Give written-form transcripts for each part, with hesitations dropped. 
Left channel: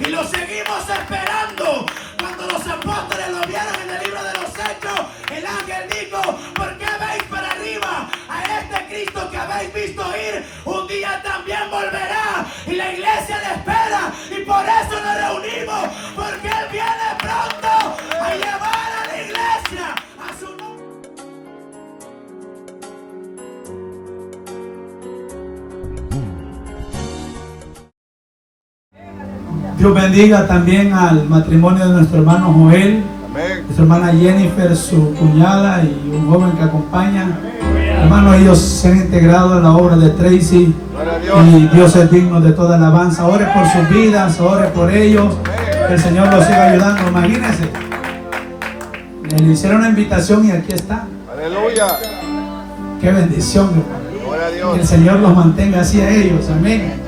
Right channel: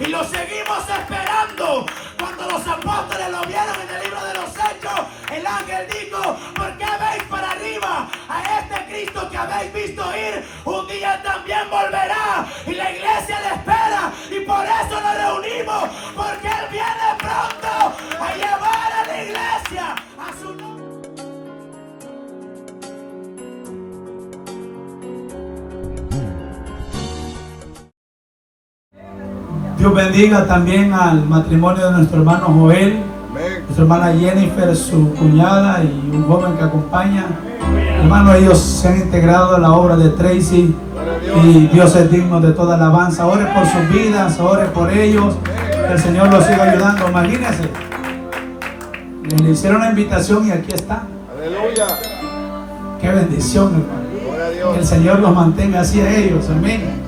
y lo seguimos esperando. Cuando los apóstoles lo vieron en el libro de los Hechos, el ángel dijo: ¿por qué veis para arriba a este Cristo que habéis visto ir? Un día también volverá, y la iglesia le espera, y por eso nos reunimos, porque Él viene pronto a llevar a la iglesia a su nombre. Dios bendiga también al matrimonio de nuestro hermano Joel, nuestra hermana Jennifer, su cuñada, y un joven que acompaña. Hermanos, ellos se han integrado a la obra de Tracy y Dios es digno de toda alabanza. Ore por sus vidas, ore por ellos, que el Señor los siga ayudando. Imagínense, le hicieron una invitación y aquí está. Aleluya. Qué bendición, hermano. Que el Señor los mantenga así a ellos. Amén.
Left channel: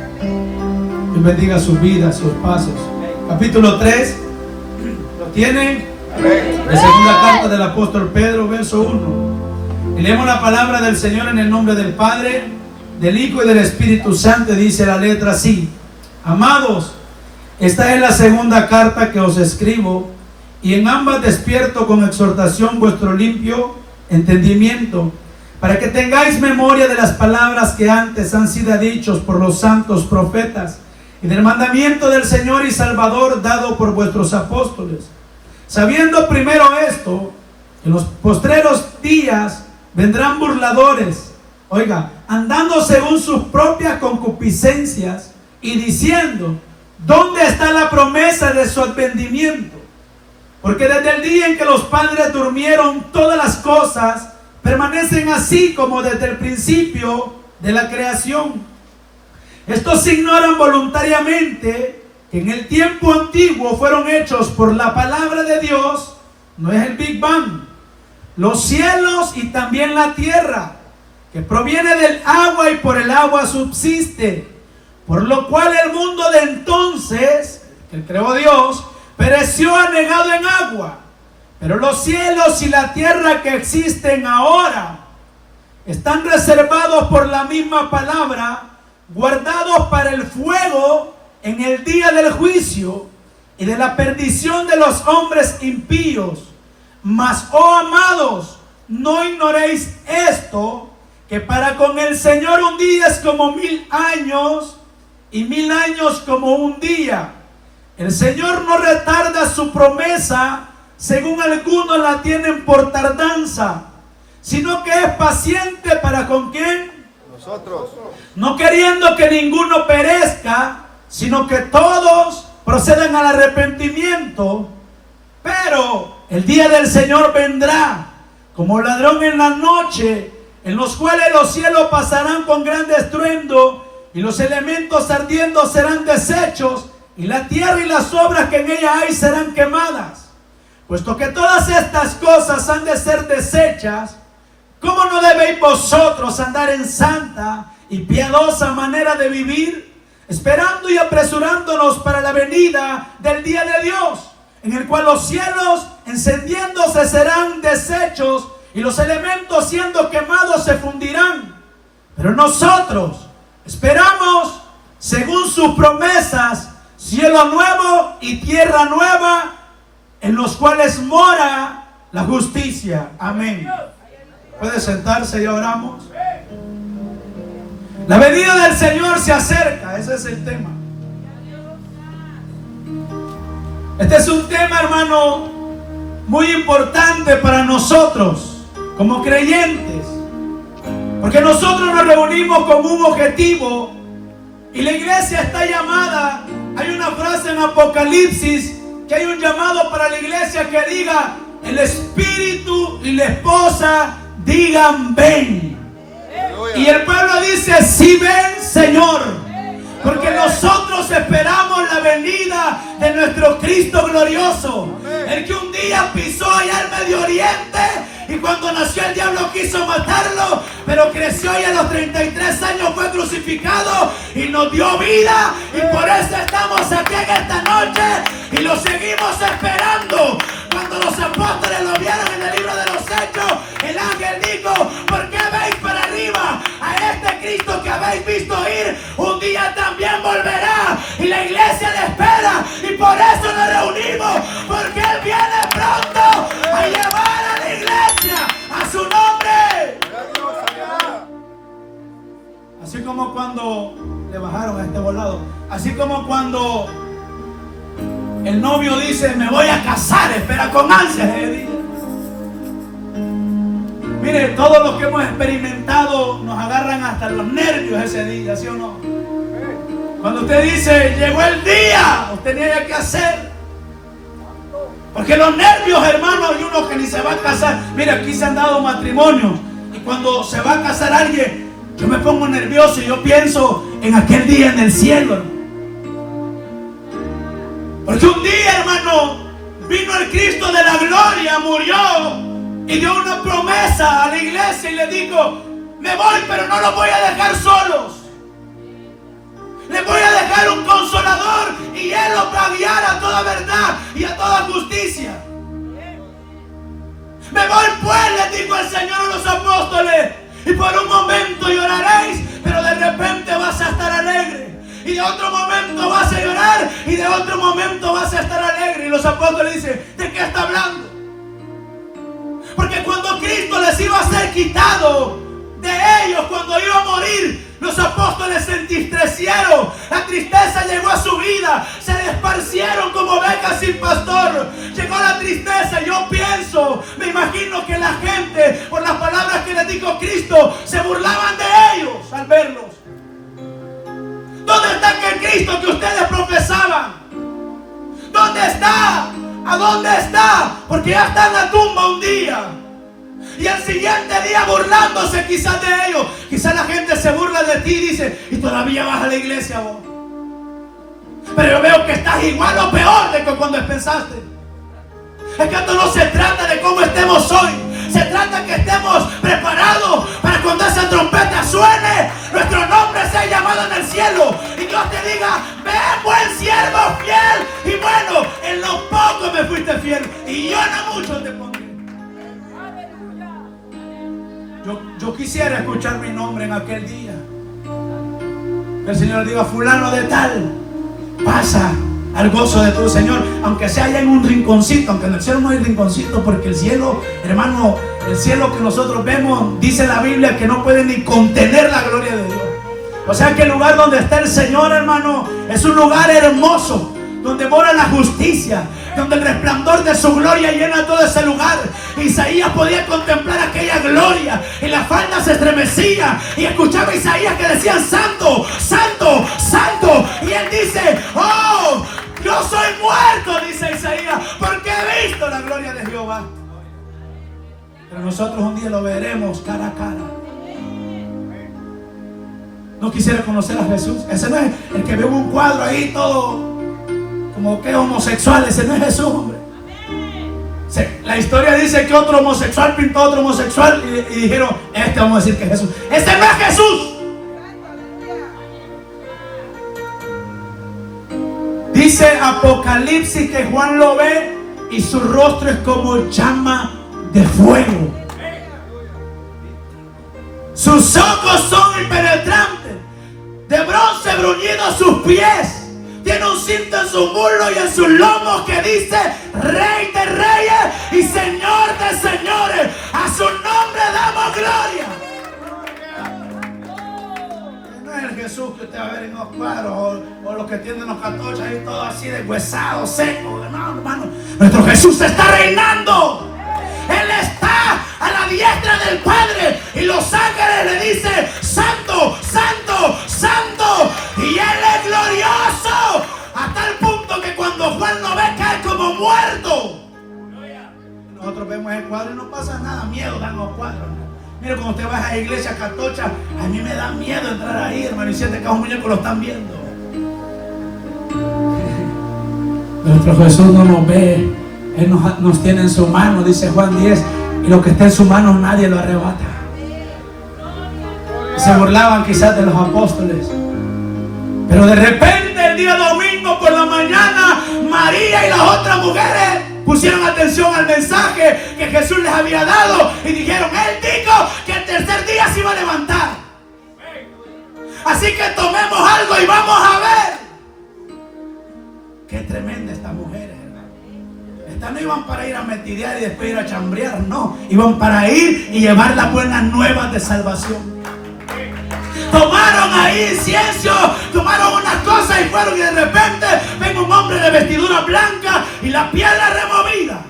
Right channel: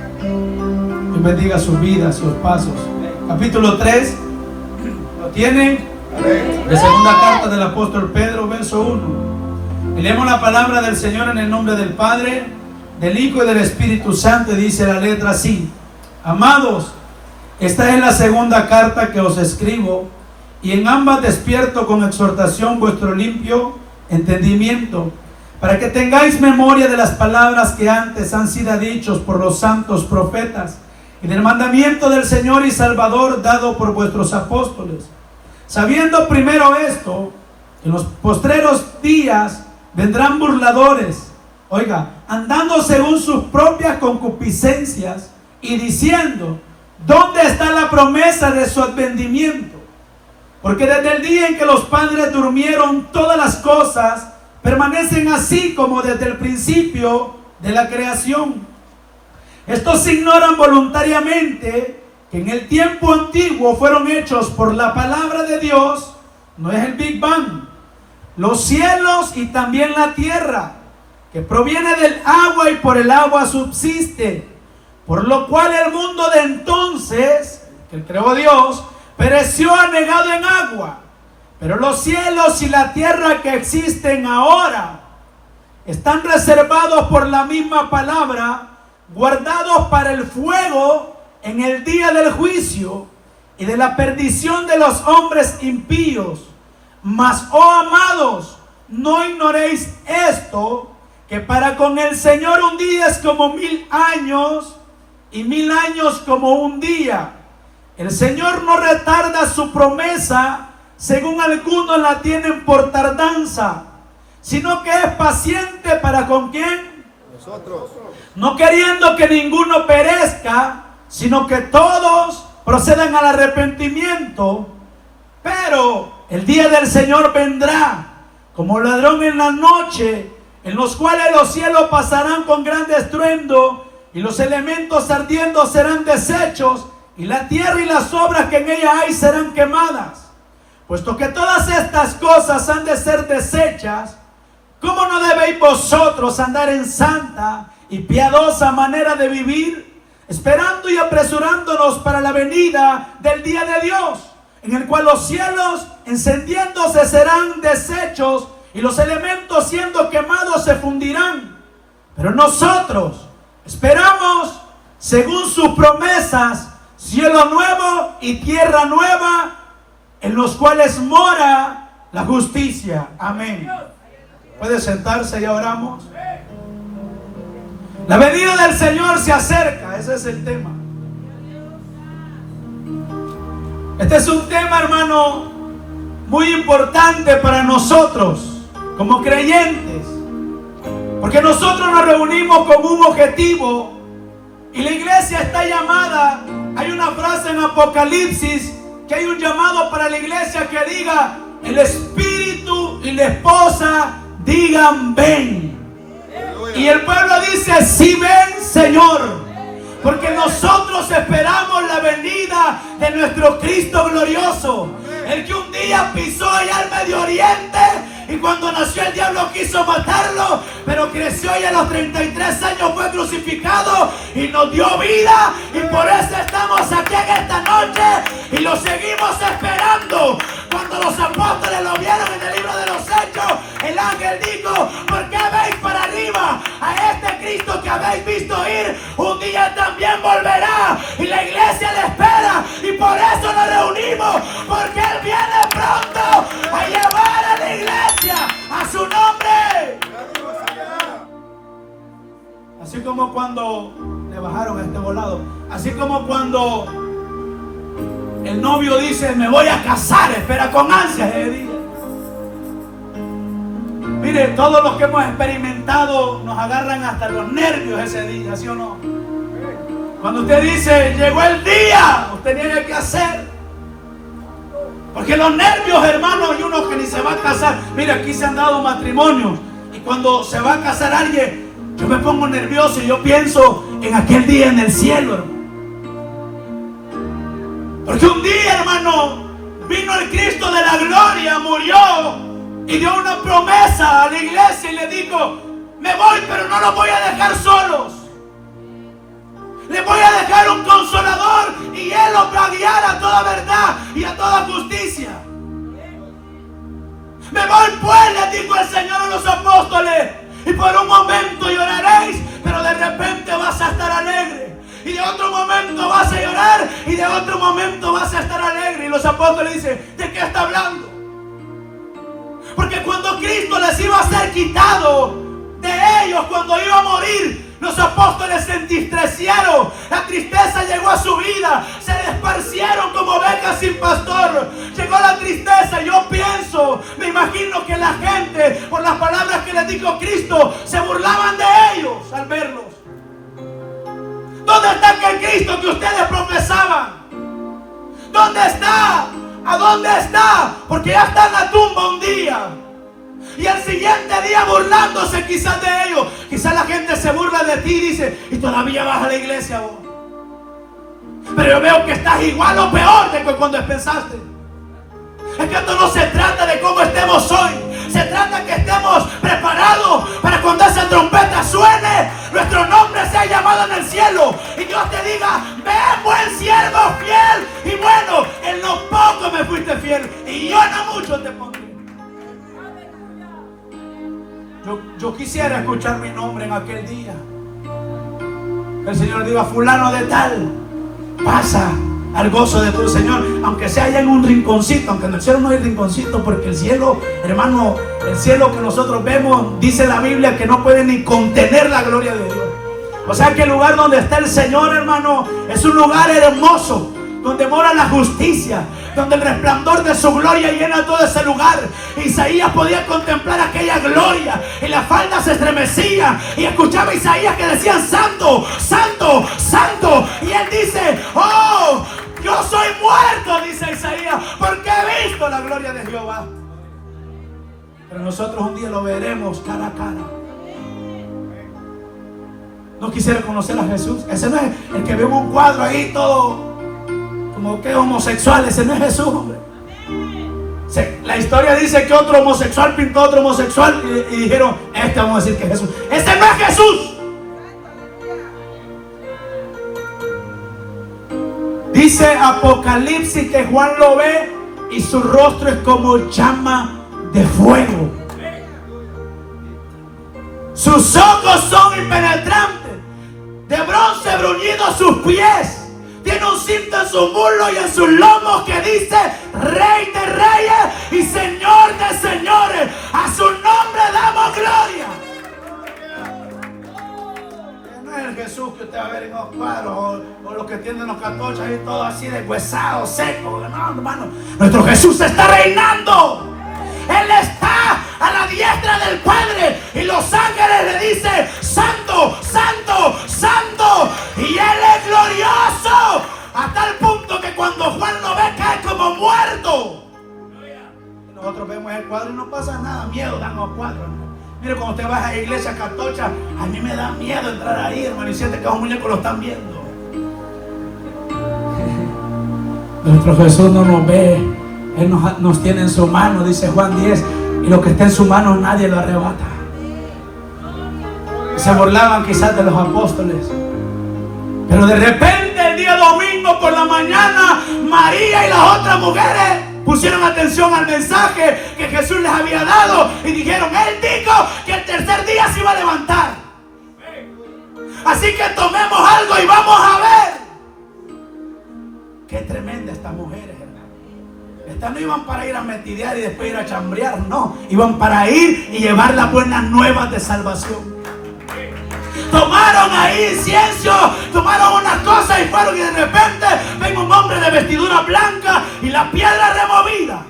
Dios bendiga sus vidas, sus pasos. Capítulo 3, ¿lo tienen? De segunda carta del apóstol Pedro, verso 1. Y leemos la palabra del Señor en el nombre del Padre, del Hijo y del Espíritu Santo. Dice la letra así: amados, esta es la segunda carta que os escribo, y en ambas despierto con exhortación vuestro limpio entendimiento, para que tengáis memoria de las palabras que antes han sido dichos por los santos profetas, y del mandamiento del Señor y Salvador dado por vuestros apóstoles, sabiendo primero esto, que en los postreros días vendrán burladores, oiga, andando según sus propias concupiscencias, y diciendo: ¿dónde está la promesa de su advenimiento? Porque desde el día en que los padres durmieron, todas las cosas permanecen así como desde el principio de la creación. Estos ignoran voluntariamente que en el tiempo antiguo fueron hechos por la palabra de Dios, no es el Big Bang, los cielos y también la tierra, que proviene del agua y por el agua subsiste, por lo cual el mundo de entonces, que creó Dios, pereció anegado en agua. Pero los cielos y la tierra que existen ahora están reservados por la misma palabra, guardados para el fuego en el día del juicio y de la perdición de los hombres impíos. Mas, oh amados, no ignoréis esto, que para con el Señor un día es como 1000 años, y 1000 años como un día. El Señor no retarda su promesa, según algunos la tienen por tardanza, sino que es paciente para con quién. Nosotros. No queriendo que ninguno perezca, sino que todos procedan al arrepentimiento. Pero el día del Señor vendrá como ladrón en la noche, en los cuales los cielos pasarán con gran estruendo, y los elementos ardiendo serán deshechos, y la tierra y las obras que en ella hay serán quemadas. Puesto que todas estas cosas han de ser deshechas, ¿cómo no debéis vosotros andar en santa y piadosa manera de vivir, esperando y apresurándonos para la venida del día de Dios, en el cual los cielos encendiéndose serán deshechos, y los elementos siendo quemados se fundirán? Pero nosotros esperamos, según sus promesas, cielo nuevo y tierra nueva, en los cuales mora la justicia. Amén. Puede sentarse, ya oramos. La venida del Señor se acerca, ese es el tema. Este es un tema, hermano, muy importante para nosotros como creyentes, porque nosotros nos reunimos con un objetivo, y la iglesia está llamada. Hay una frase en Apocalipsis que hay un llamado para la iglesia que diga: el espíritu y la esposa digan ven. Y el pueblo dice: sí, ven, Señor. Porque nosotros esperamos la venida de nuestro Cristo glorioso, el que un día pisó allá al Medio Oriente, y cuando nació el diablo quiso matarlo, pero creció y a los 33 años fue crucificado y nos dio vida, y por eso estamos aquí en esta noche y lo seguimos esperando. Cuando los apóstoles lo vieron en el libro de los Hechos, el ángel dijo: ¿por qué veis para arriba a este Cristo que habéis visto ir? Un día también volverá, y la iglesia le espera, cuando le bajaron a este volado. Así como cuando el novio dice, me voy a casar, espera con ansias ese día. Mire, todos los que hemos experimentado nos agarran hasta los nervios ese día, ¿sí o no? Cuando usted dice, llegó el día, usted tiene que hacer. Porque los nervios, hermanos, y uno que ni se va a casar. Mire, aquí se han dado matrimonios. Y cuando se va a casar alguien, yo me pongo nervioso y yo pienso en aquel día en el cielo, hermano. Porque un día, hermano, vino el Cristo de la gloria, murió y dio una promesa a la iglesia y le dijo, me voy, pero no los voy a dejar solos. Les voy a dejar un consolador y Él los va a guiar a toda verdad y a toda justicia. Me voy pues, le dijo el Señor a los apóstoles, y por un momento lloraréis, pero de repente vas a estar alegre. Y de otro momento vas a llorar y de otro momento vas a estar alegre. Y los apóstoles dicen, ¿de qué está hablando? Porque cuando Cristo les iba a ser quitado de ellos, cuando iba a morir, los apóstoles se entristecieron. La tristeza llegó a su vida. Se desparcieron como ovejas sin pastor. Llegó la tristeza. Yo pienso, me imagino que la gente, por las palabras que les dijo Cristo, se burlaban de ellos al verlos. ¿Dónde está aquel Cristo que ustedes profesaban? ¿Dónde está? ¿A dónde está? Porque ya está en la tumba un día. Y al siguiente día burlándose quizás de ellos. Quizás la gente se burla de ti y dice, y todavía vas a la iglesia vos. Pero yo veo que estás igual o peor de que cuando pensaste. Es que esto no se trata de cómo estemos hoy. Se trata de que estemos preparados para cuando esa trompeta suene, nuestro nombre sea llamado en el cielo. Y Dios te diga, ven buen siervo fiel. Y bueno, en lo poco me fuiste fiel y yo no mucho te pondré. Yo quisiera escuchar mi nombre en aquel día. El Señor diga, fulano de tal, pasa al gozo de tu Señor, aunque sea allá en un rinconcito, aunque en el cielo no hay rinconcito, porque el cielo, hermano, el cielo que nosotros vemos, dice la Biblia que no puede ni contener la gloria de Dios. O sea que el lugar donde está el Señor, hermano, es un lugar hermoso, donde mora la justicia, donde el resplandor de su gloria llena todo ese lugar. Isaías podía contemplar aquella gloria y la falda se estremecía y escuchaba a Isaías que decían santo, santo, santo. Y él dice, oh, yo soy muerto, dice Isaías, porque he visto la gloria de Jehová. Pero nosotros un día lo veremos cara a cara. No quisiera conocer a Jesús. Ese no es el que vio un cuadro ahí todo como que homosexual. Ese no es Jesús, hombre. La historia dice que otro homosexual pintó a otro homosexual y dijeron, este vamos a decir que es Jesús. Este no es Jesús. Dice Apocalipsis que Juan lo ve y su rostro es como llama de fuego. Sus ojos son impenetrantes, de bronce bruñido sus pies. Tiene un cinto en su muslo y en sus lomos que dice Rey de Reyes y Señor de Señores. A su nombre damos gloria. No es el Jesús que usted va a ver en los cuadros o los que tienen los catorchos y todo así deshuesado, seco. No, hermano. Nuestro Jesús está reinando. Él está a la diestra del Padre y los ángeles le dicen Santo, Santo, Santo, y Él es glorioso a tal punto que cuando Juan lo ve cae como muerto. Nosotros vemos el cuadro y no pasa nada, miedo dan los cuadros. Mire, cuando usted va a la iglesia católica, a mí me da miedo entrar ahí, hermano, y siente que a un muñeco lo están viendo. Nuestro Jesús no nos ve. Él nos tiene en su mano, dice Juan 10, y lo que está en su mano nadie lo arrebata. Se burlaban quizás de los apóstoles, pero de repente el día domingo por la mañana, María y las otras mujeres pusieron atención al mensaje que Jesús les había dado y dijeron, Él dijo que el tercer día se iba a levantar. Así que tomemos algo y vamos a ver. Qué tremenda esta mujer. Estas no iban para ir a metidear y después ir a chambrear, no. Iban para ir y llevar las buenas nuevas de salvación. Tomar echaron ahí incienso, tomaron unas cosas y fueron, y de repente ven un hombre de vestidura blanca y la piedra removida.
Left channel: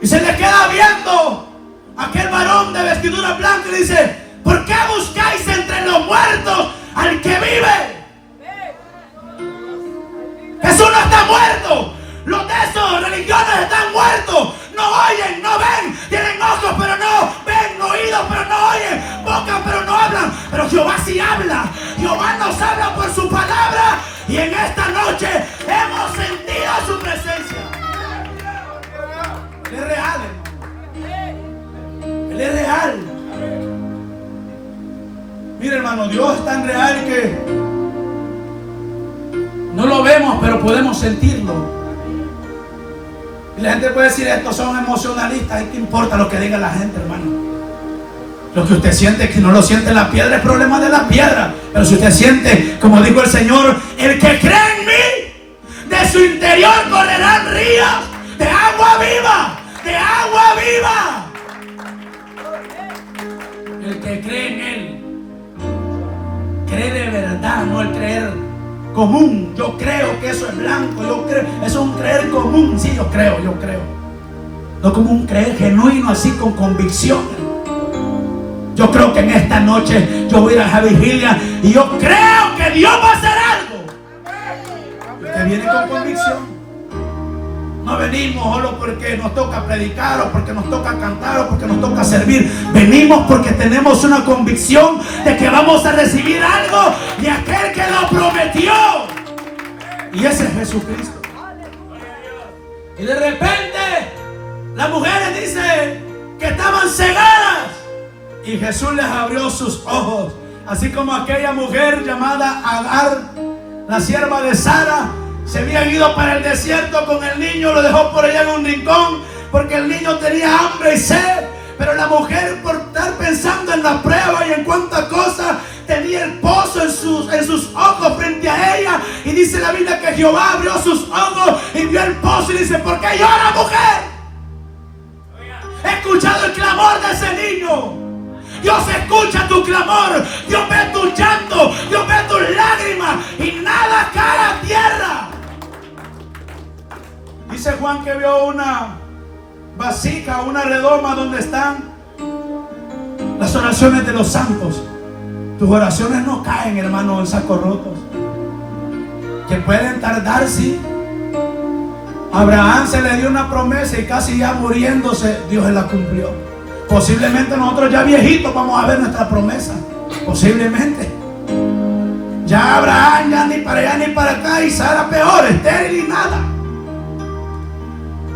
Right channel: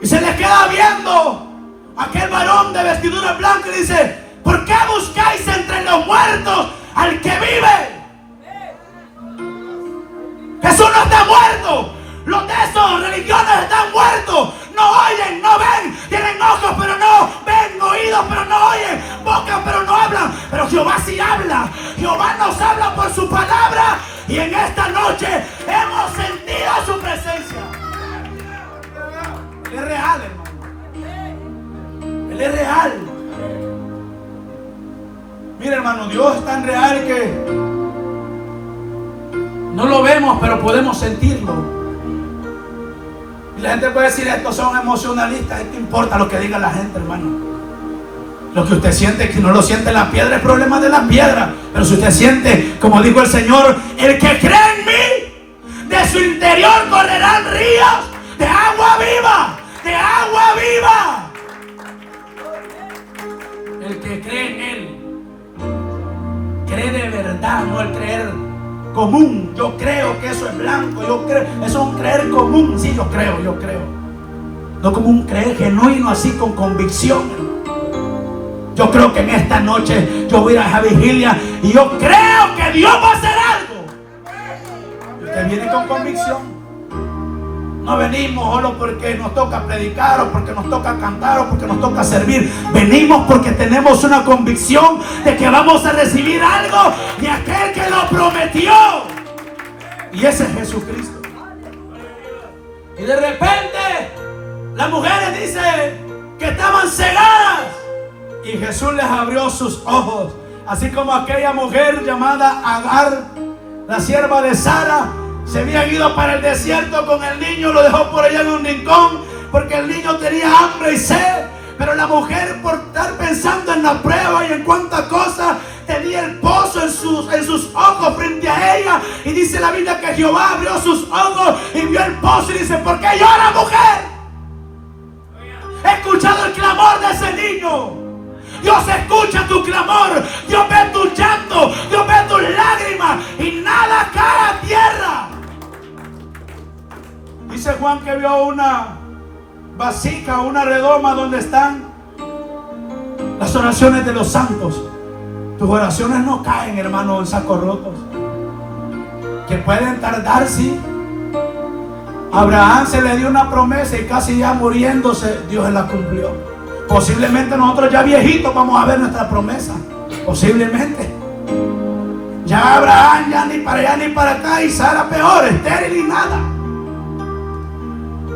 Y se le queda viendo aquel varón de vestidura blanca y dice: ¿por qué buscáis entre los muertos al que vive? Jesús no está muerto. Los de esos religiones están muertos. No oyen, no ven. Tienen ojos pero no ven, oídos pero no oyen, boca pero no hablan. Pero Jehová sí habla. Jehová nos habla por su palabra. Y en esta noche hemos sentido su presencia. Él es real, hermano. Él es real. Mira, hermano, Dios es tan real que no lo vemos, pero podemos sentirlo. Y la gente puede decir: estos son emocionalistas. ¿Y qué importa lo que diga la gente, hermano? Lo que usted siente, que no lo siente la piedra, es problema de la piedra. Pero si usted siente, como dijo el Señor: el que cree en mí, de su interior correrán ríos de agua viva, de agua viva. El que cree en Él, cree de verdad, no el creer común. Yo creo que eso es blanco, yo creo, eso es un creer común. Sí, yo creo. No como un creer genuino, así con convicción. Yo creo que en esta noche yo voy a esa vigilia y yo creo que Dios va a hacer algo. Y usted viene con convicción. No venimos solo porque nos toca predicar, o porque nos toca cantar, o porque nos toca servir. Venimos porque tenemos una convicción de que vamos a recibir algo de aquel que lo prometió. Y ese es Jesucristo. Y de repente las mujeres dicen que estaban cegadas. Y Jesús les abrió sus ojos. Así como aquella mujer llamada Agar, la sierva de Sara, se había ido para el desierto con el niño, lo dejó por allá en un rincón porque el niño tenía hambre y sed. Pero la mujer, por estar pensando en la prueba y en cuántas cosas, tenía el pozo en sus ojos frente a ella. Y dice la Biblia que Jehová abrió sus ojos y vio el pozo y dice: ¿por qué llora, mujer? He escuchado el clamor de ese niño. Dios escucha tu clamor, Dios ve tu llanto, Dios ve tus lágrimas y nada cae a tierra. Dice Juan que vio una vasija, una redoma donde están las oraciones de los santos. Tus oraciones no caen, hermano, en sacos rotos. Que pueden tardar, sí. Abraham se le dio una promesa y casi ya muriéndose, Dios se la cumplió. Posiblemente nosotros ya viejitos vamos a ver nuestra promesa. Posiblemente. Ya Abraham ya ni para allá ni para acá, y Sara peor, estéril y nada.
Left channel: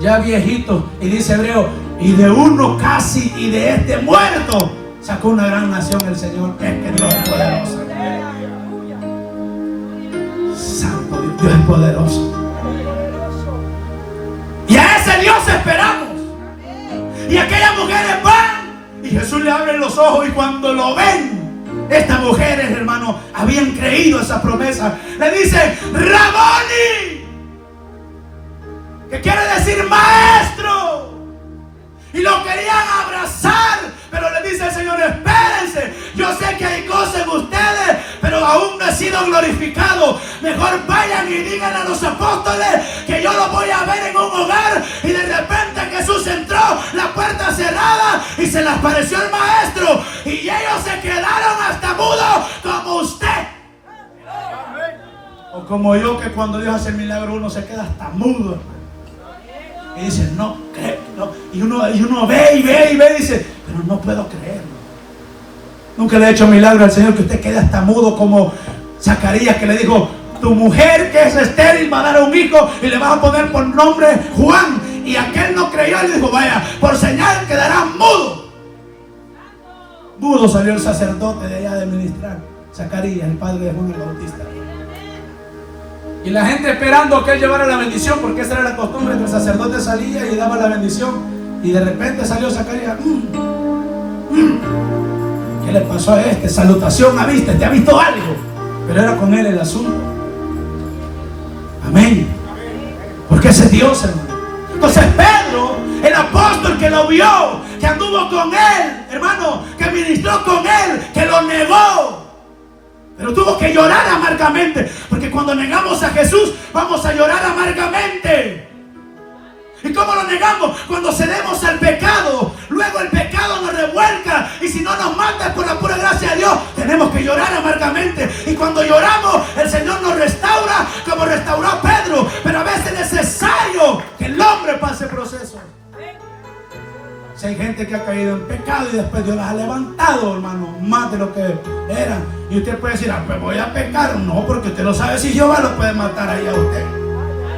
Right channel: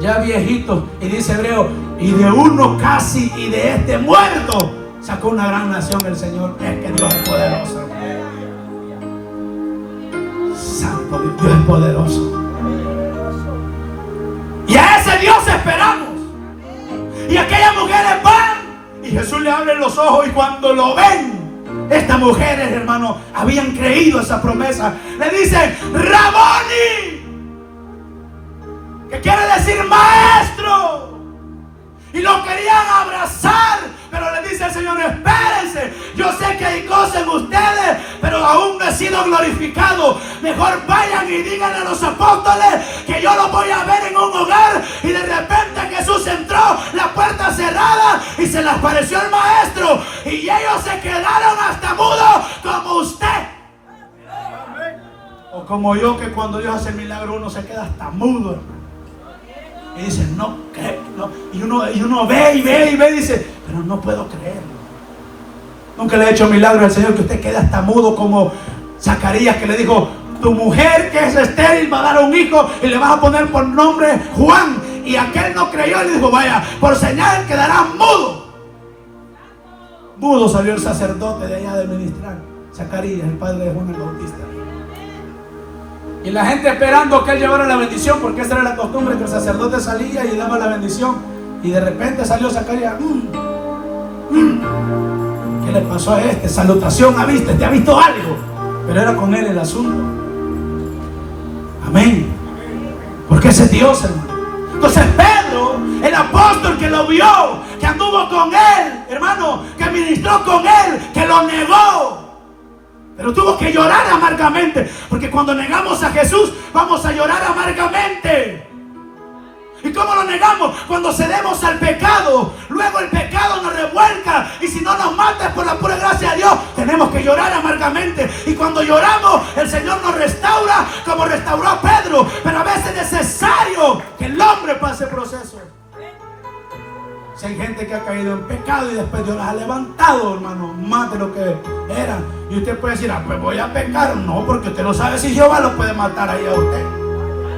Ya viejitos. Y dice Hebreo: y de uno casi y de este muerto sacó una gran nación el Señor. Es que Dios es poderoso. Santo Dios, Dios es poderoso. Y a ese Dios esperamos. Y aquellas mujeres van y Jesús le abre los ojos, y cuando lo ven, estas mujeres, hermano, habían creído esa promesa. Le dicen: Raboni, que quiere decir maestro. Y lo querían abrazar, pero le dice el Señor: espérense, yo sé que hay cosas en ustedes, pero aún no he sido glorificado. Mejor vayan y digan a los apóstoles que yo los voy a ver en un hogar. Y de repente Jesús entró, la puerta cerrada, y se les apareció el maestro, y ellos se quedaron hasta mudos como usted. O como yo, que cuando Dios hace el milagro uno se queda hasta mudo. Y dice: no, creo, no. Y uno ve y dice: pero no puedo creerlo. Nunca le he hecho milagro al Señor que usted quede hasta mudo, como Zacarías, que le dijo: tu mujer que es estéril va a dar un hijo y le vas a poner por nombre Juan. Y aquel no creyó y le dijo: vaya, por señal quedará mudo. Mudo salió el sacerdote de allá de ministrar, Zacarías, el padre de Juan el Bautista. Y la gente esperando que él llevara la bendición, porque esa era la costumbre, que el sacerdote salía y daba la bendición. Y de repente salió Zacarías: ¿qué le pasó a este? Salutación, ¿te ha visto algo? Pero era con él el asunto. Amén. Porque ese es Dios, hermano. Entonces Pedro, el apóstol que lo vio, que anduvo con él, hermano, que ministró con él, que lo negó. Pero tuvo que llorar amargamente, porque cuando negamos a Jesús vamos a llorar amargamente. ¿Y cómo lo negamos? Cuando cedemos al pecado. Luego el pecado nos revuelca, y si no nos mata por la pura gracia de Dios, tenemos que llorar amargamente. Y cuando lloramos, el Señor nos restaura como restauró a Pedro. Pero a veces es necesario que el hombre pase proceso. Si hay gente que ha caído en pecado y después Dios las ha levantado, hermano, más de lo que eran. Y usted puede decir, pues voy a pecar. No, porque usted no sabe si Jehová lo puede matar ahí a usted.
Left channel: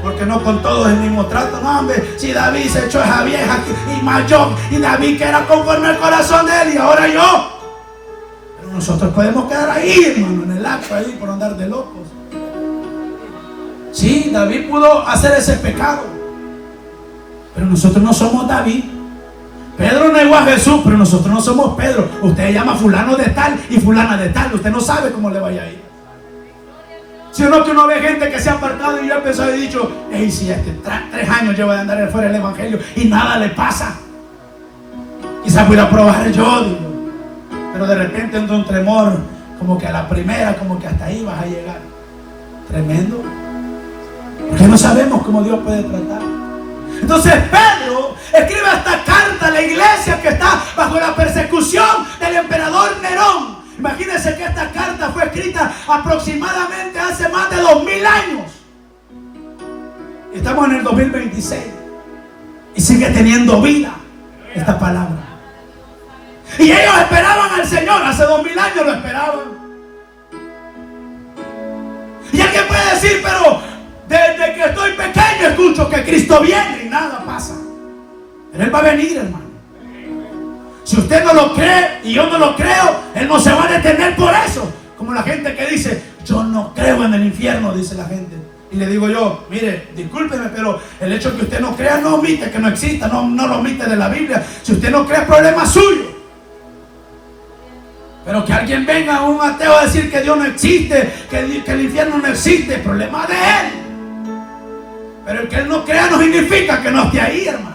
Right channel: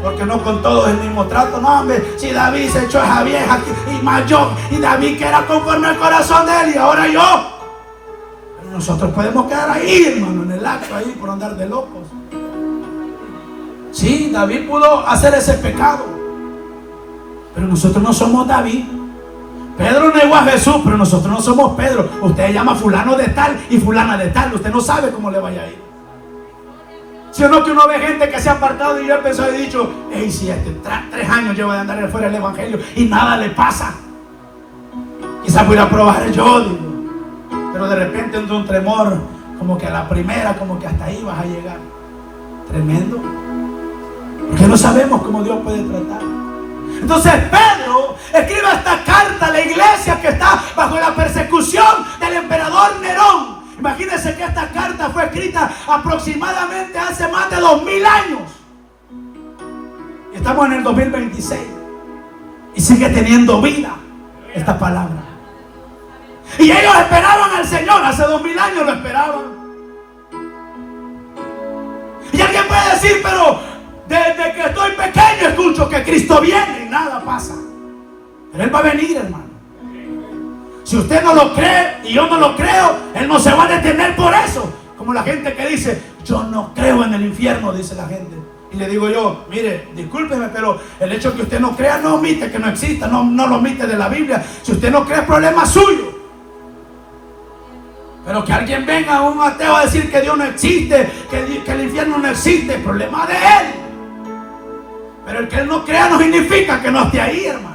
Porque no con todos el mismo trato. No, hombre, si David se echó a esa vieja y más yo, y David que era conforme al corazón de él, y ahora yo. Pero nosotros podemos quedar ahí, hermano, en el acto ahí por andar de locos. Sí, David pudo hacer ese pecado, pero nosotros no somos David. Pedro negó a Jesús, pero nosotros no somos Pedro. Usted llama fulano de tal y fulana de tal. Usted no sabe cómo le vaya a ir. Si o no, que uno ve gente que se ha apartado, y yo he pensado y dicho, hey, si 3 años lleva de andar fuera del evangelio y nada le pasa, quizás voy a probar yo, digo. Pero de repente entra un tremor, como que a la primera, como que hasta ahí vas a llegar. Tremendo, porque no sabemos cómo Dios puede tratar. Entonces Pedro escribe esta carta a la iglesia que está bajo la persecución del emperador Nerón. Imagínense que esta carta fue escrita aproximadamente hace más de 2000 años. Estamos en el 2026 y sigue teniendo vida esta palabra. Y ellos esperaban al Señor, hace 2000 años lo esperaban. Y alguien puede decir, pero desde que estoy pequeño escucho que Cristo viene y nada pasa. Pero Él va a venir, hermano. Si usted no lo cree y yo no lo creo, Él no se va a detener por eso. Como la gente que dice, yo no creo en el infierno, dice la gente. Y le digo yo, mire, discúlpeme, pero el hecho de que usted no crea no omite que no exista, no lo omite de la Biblia. Si usted no cree, es problema suyo. Pero que alguien venga, un ateo, a decir que Dios no existe, que el infierno no existe, es problema de él. Pero el que Él no crea no significa que no esté ahí, hermano.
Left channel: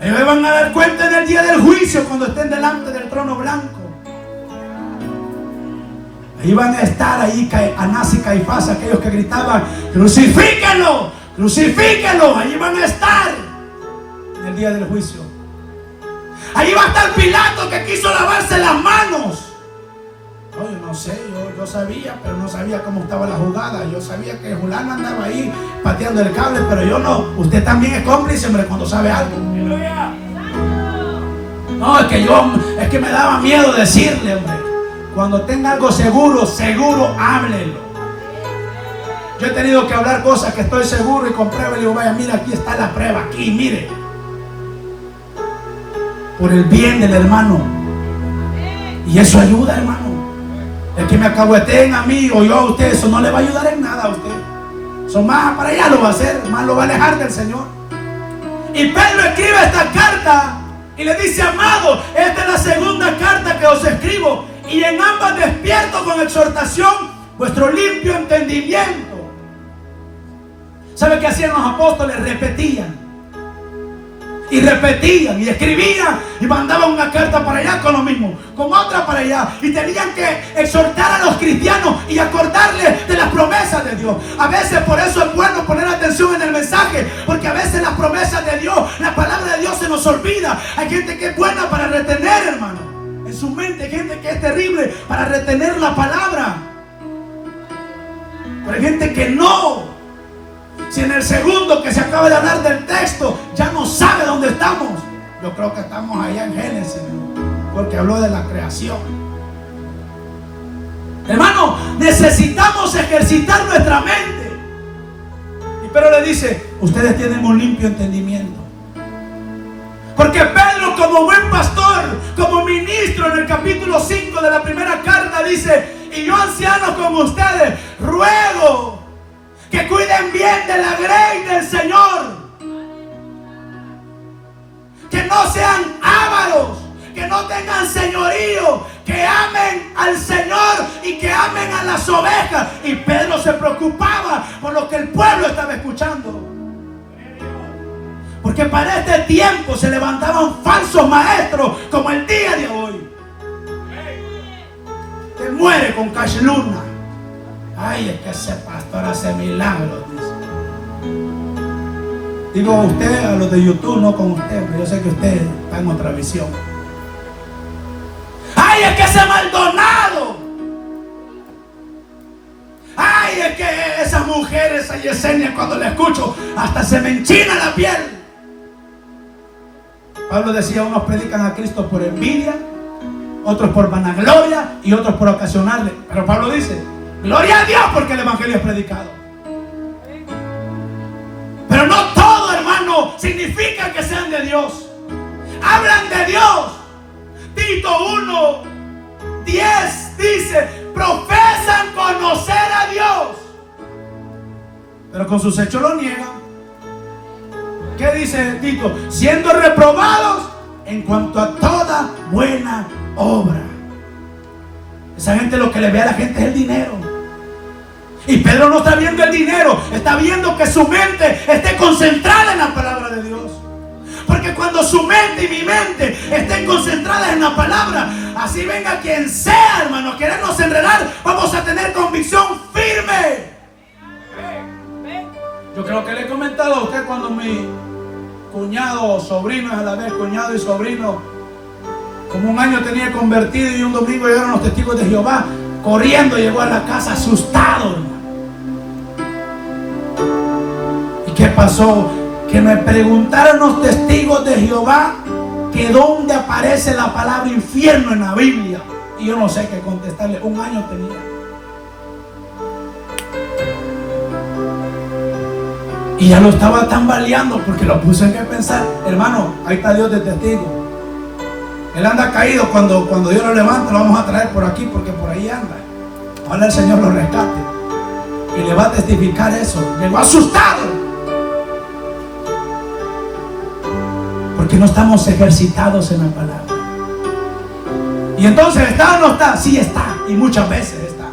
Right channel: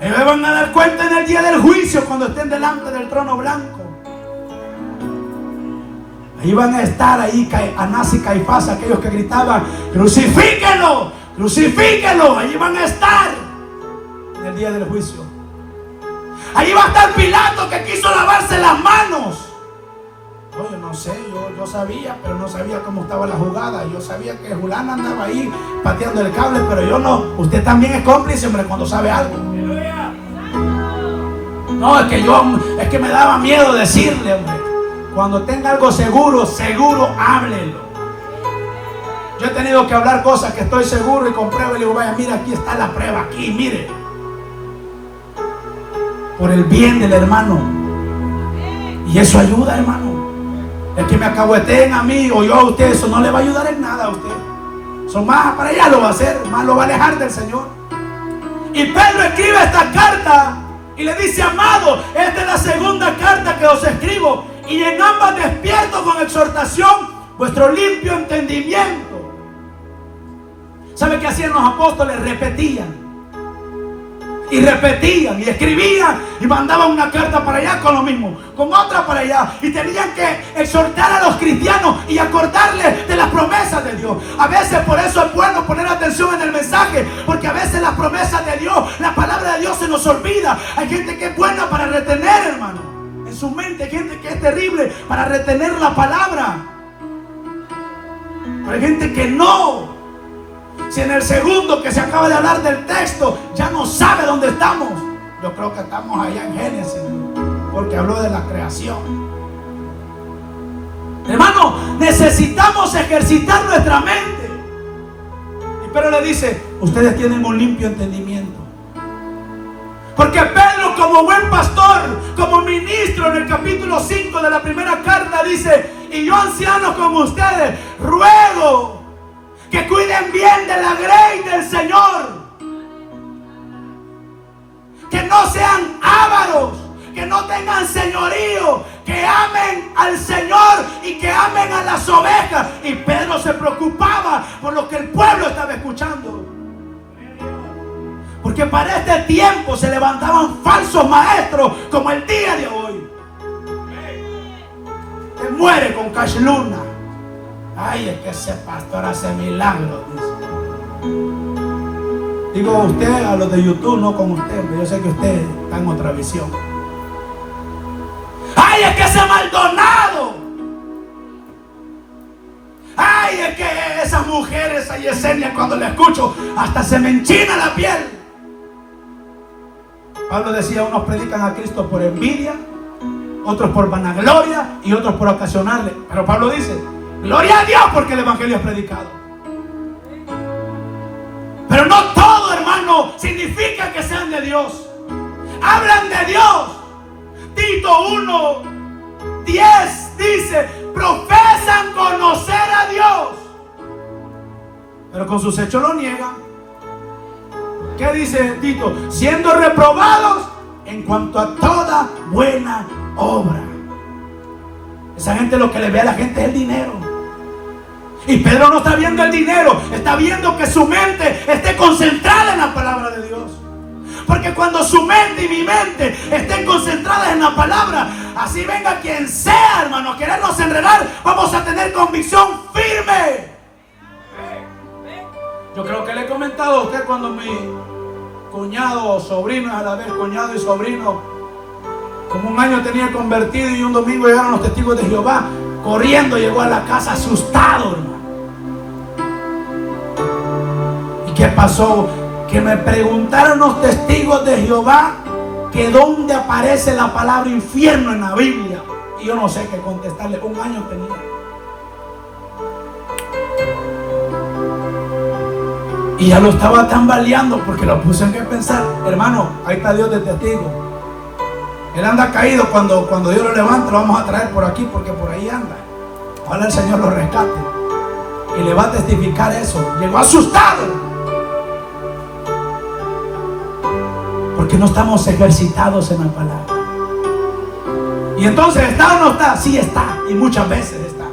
Ellos van a dar cuenta en el día del juicio, cuando estén delante del trono blanco. Ahí van a estar ahí Anás y Caifás, aquellos que gritaban, crucifíquenlo, crucifíquenlo. Allí van a estar en el día del juicio. Ahí va a estar Pilato, que quiso lavarse las manos. No, yo no sé, yo sabía, pero no sabía cómo estaba la jugada. Yo sabía que Julano andaba ahí pateando el cable, pero yo no. Usted también es cómplice, hombre, cuando sabe algo. No, es que me daba miedo decirle, hombre. Cuando tenga algo seguro, háblelo. Yo he tenido que hablar cosas que estoy seguro y con prueba, y digo, vaya, mira, aquí está la prueba, aquí, mire. Por el bien del hermano. Y eso ayuda, hermano. El que me acahueteen a mí o yo a usted, eso no le va a ayudar en nada a usted. Eso más para allá lo va a hacer, más lo va a alejar del Señor. Y Pedro escribe esta carta y le dice, amado, esta es la segunda carta que os escribo, y en ambas despierto con exhortación vuestro limpio entendimiento. ¿Sabe qué hacían los apóstoles? Repetían y repetían y escribían y mandaban una carta para allá con lo mismo, con otra para allá, y tenían que exhortar a los cristianos y acordarles de las promesas de Dios. A veces por eso es bueno poner atención en el mensaje, porque a veces las promesas de Dios, la palabra de Dios se nos olvida. Hay gente que es buena para retener, hermano, en su mente. Hay gente que es terrible para retener la palabra, pero hay gente que no. Si en el segundo que se acaba de hablar del texto ya no sabe dónde estamos, yo creo que estamos allá en Génesis, porque habló de la creación. Hermano, necesitamos ejercitar nuestra mente. Y Pedro le dice, ustedes tienen un limpio entendimiento. Porque Pedro, como buen pastor, como ministro, en el capítulo 5 de la primera carta dice, y yo, anciano como ustedes, ruego que cuiden bien de la grey del Señor, que no sean ávaros, que no tengan señorío, que amen al Señor y que amen a las ovejas. Y Pedro se preocupaba por lo que el pueblo estaba escuchando. ¿Por qué Porque para este tiempo se levantaban falsos maestros como el día de hoy. Te muere con cash luna. Ay, es que ese pastor hace milagros, dice. Digo usted, a los de YouTube, no con usted, pero yo sé que usted está en otra visión. Ay, es que ese Maldonado. Ay, es que esa mujer, esa Yesenia, cuando la escucho, hasta se me enchina la piel. Pablo decía, unos predican a Cristo por envidia, otros por vanagloria y otros por ocasionarle. Pero Pablo dice, gloria a Dios porque el evangelio es predicado. Pero no todo, hermano, significa que sean de Dios. Hablan de Dios. Tito 1:10 dice, profesan conocer a Dios, pero con sus hechos lo niegan. ¿Qué dice Tito? Siendo reprobados en cuanto a toda buena obra. Esa gente, lo que le ve a la gente es el dinero. Y Pedro no está viendo el dinero, está viendo que su mente esté concentrada en la palabra de Dios. Porque cuando su mente y mi mente estén concentradas en la palabra, así venga quien sea, hermano, a querernos enredar, vamos a tener convicción firme. Yo creo que le he comentado a usted cuando mi cuñado, sobrino, a la vez cuñado y sobrino, como un año tenía convertido, y un domingo llegaron los testigos de Jehová, corriendo llegó a la casa asustado, hermano. ¿Y qué pasó? Que me preguntaron los testigos de Jehová que dónde aparece la palabra infierno en la Biblia. Y yo no sé qué contestarle. Un año tenía. Y ya lo estaba tambaleando porque lo puse en que pensar. Hermano, ahí está Dios de testigo. Él anda caído. Cuando Dios lo levante, lo vamos a traer por aquí porque por ahí anda. Ojalá el Señor lo rescate. Y le va a testificar eso. Llegó asustado. Porque no estamos ejercitados en la palabra. Y entonces, ¿está o no está? Sí está. Y muchas veces está.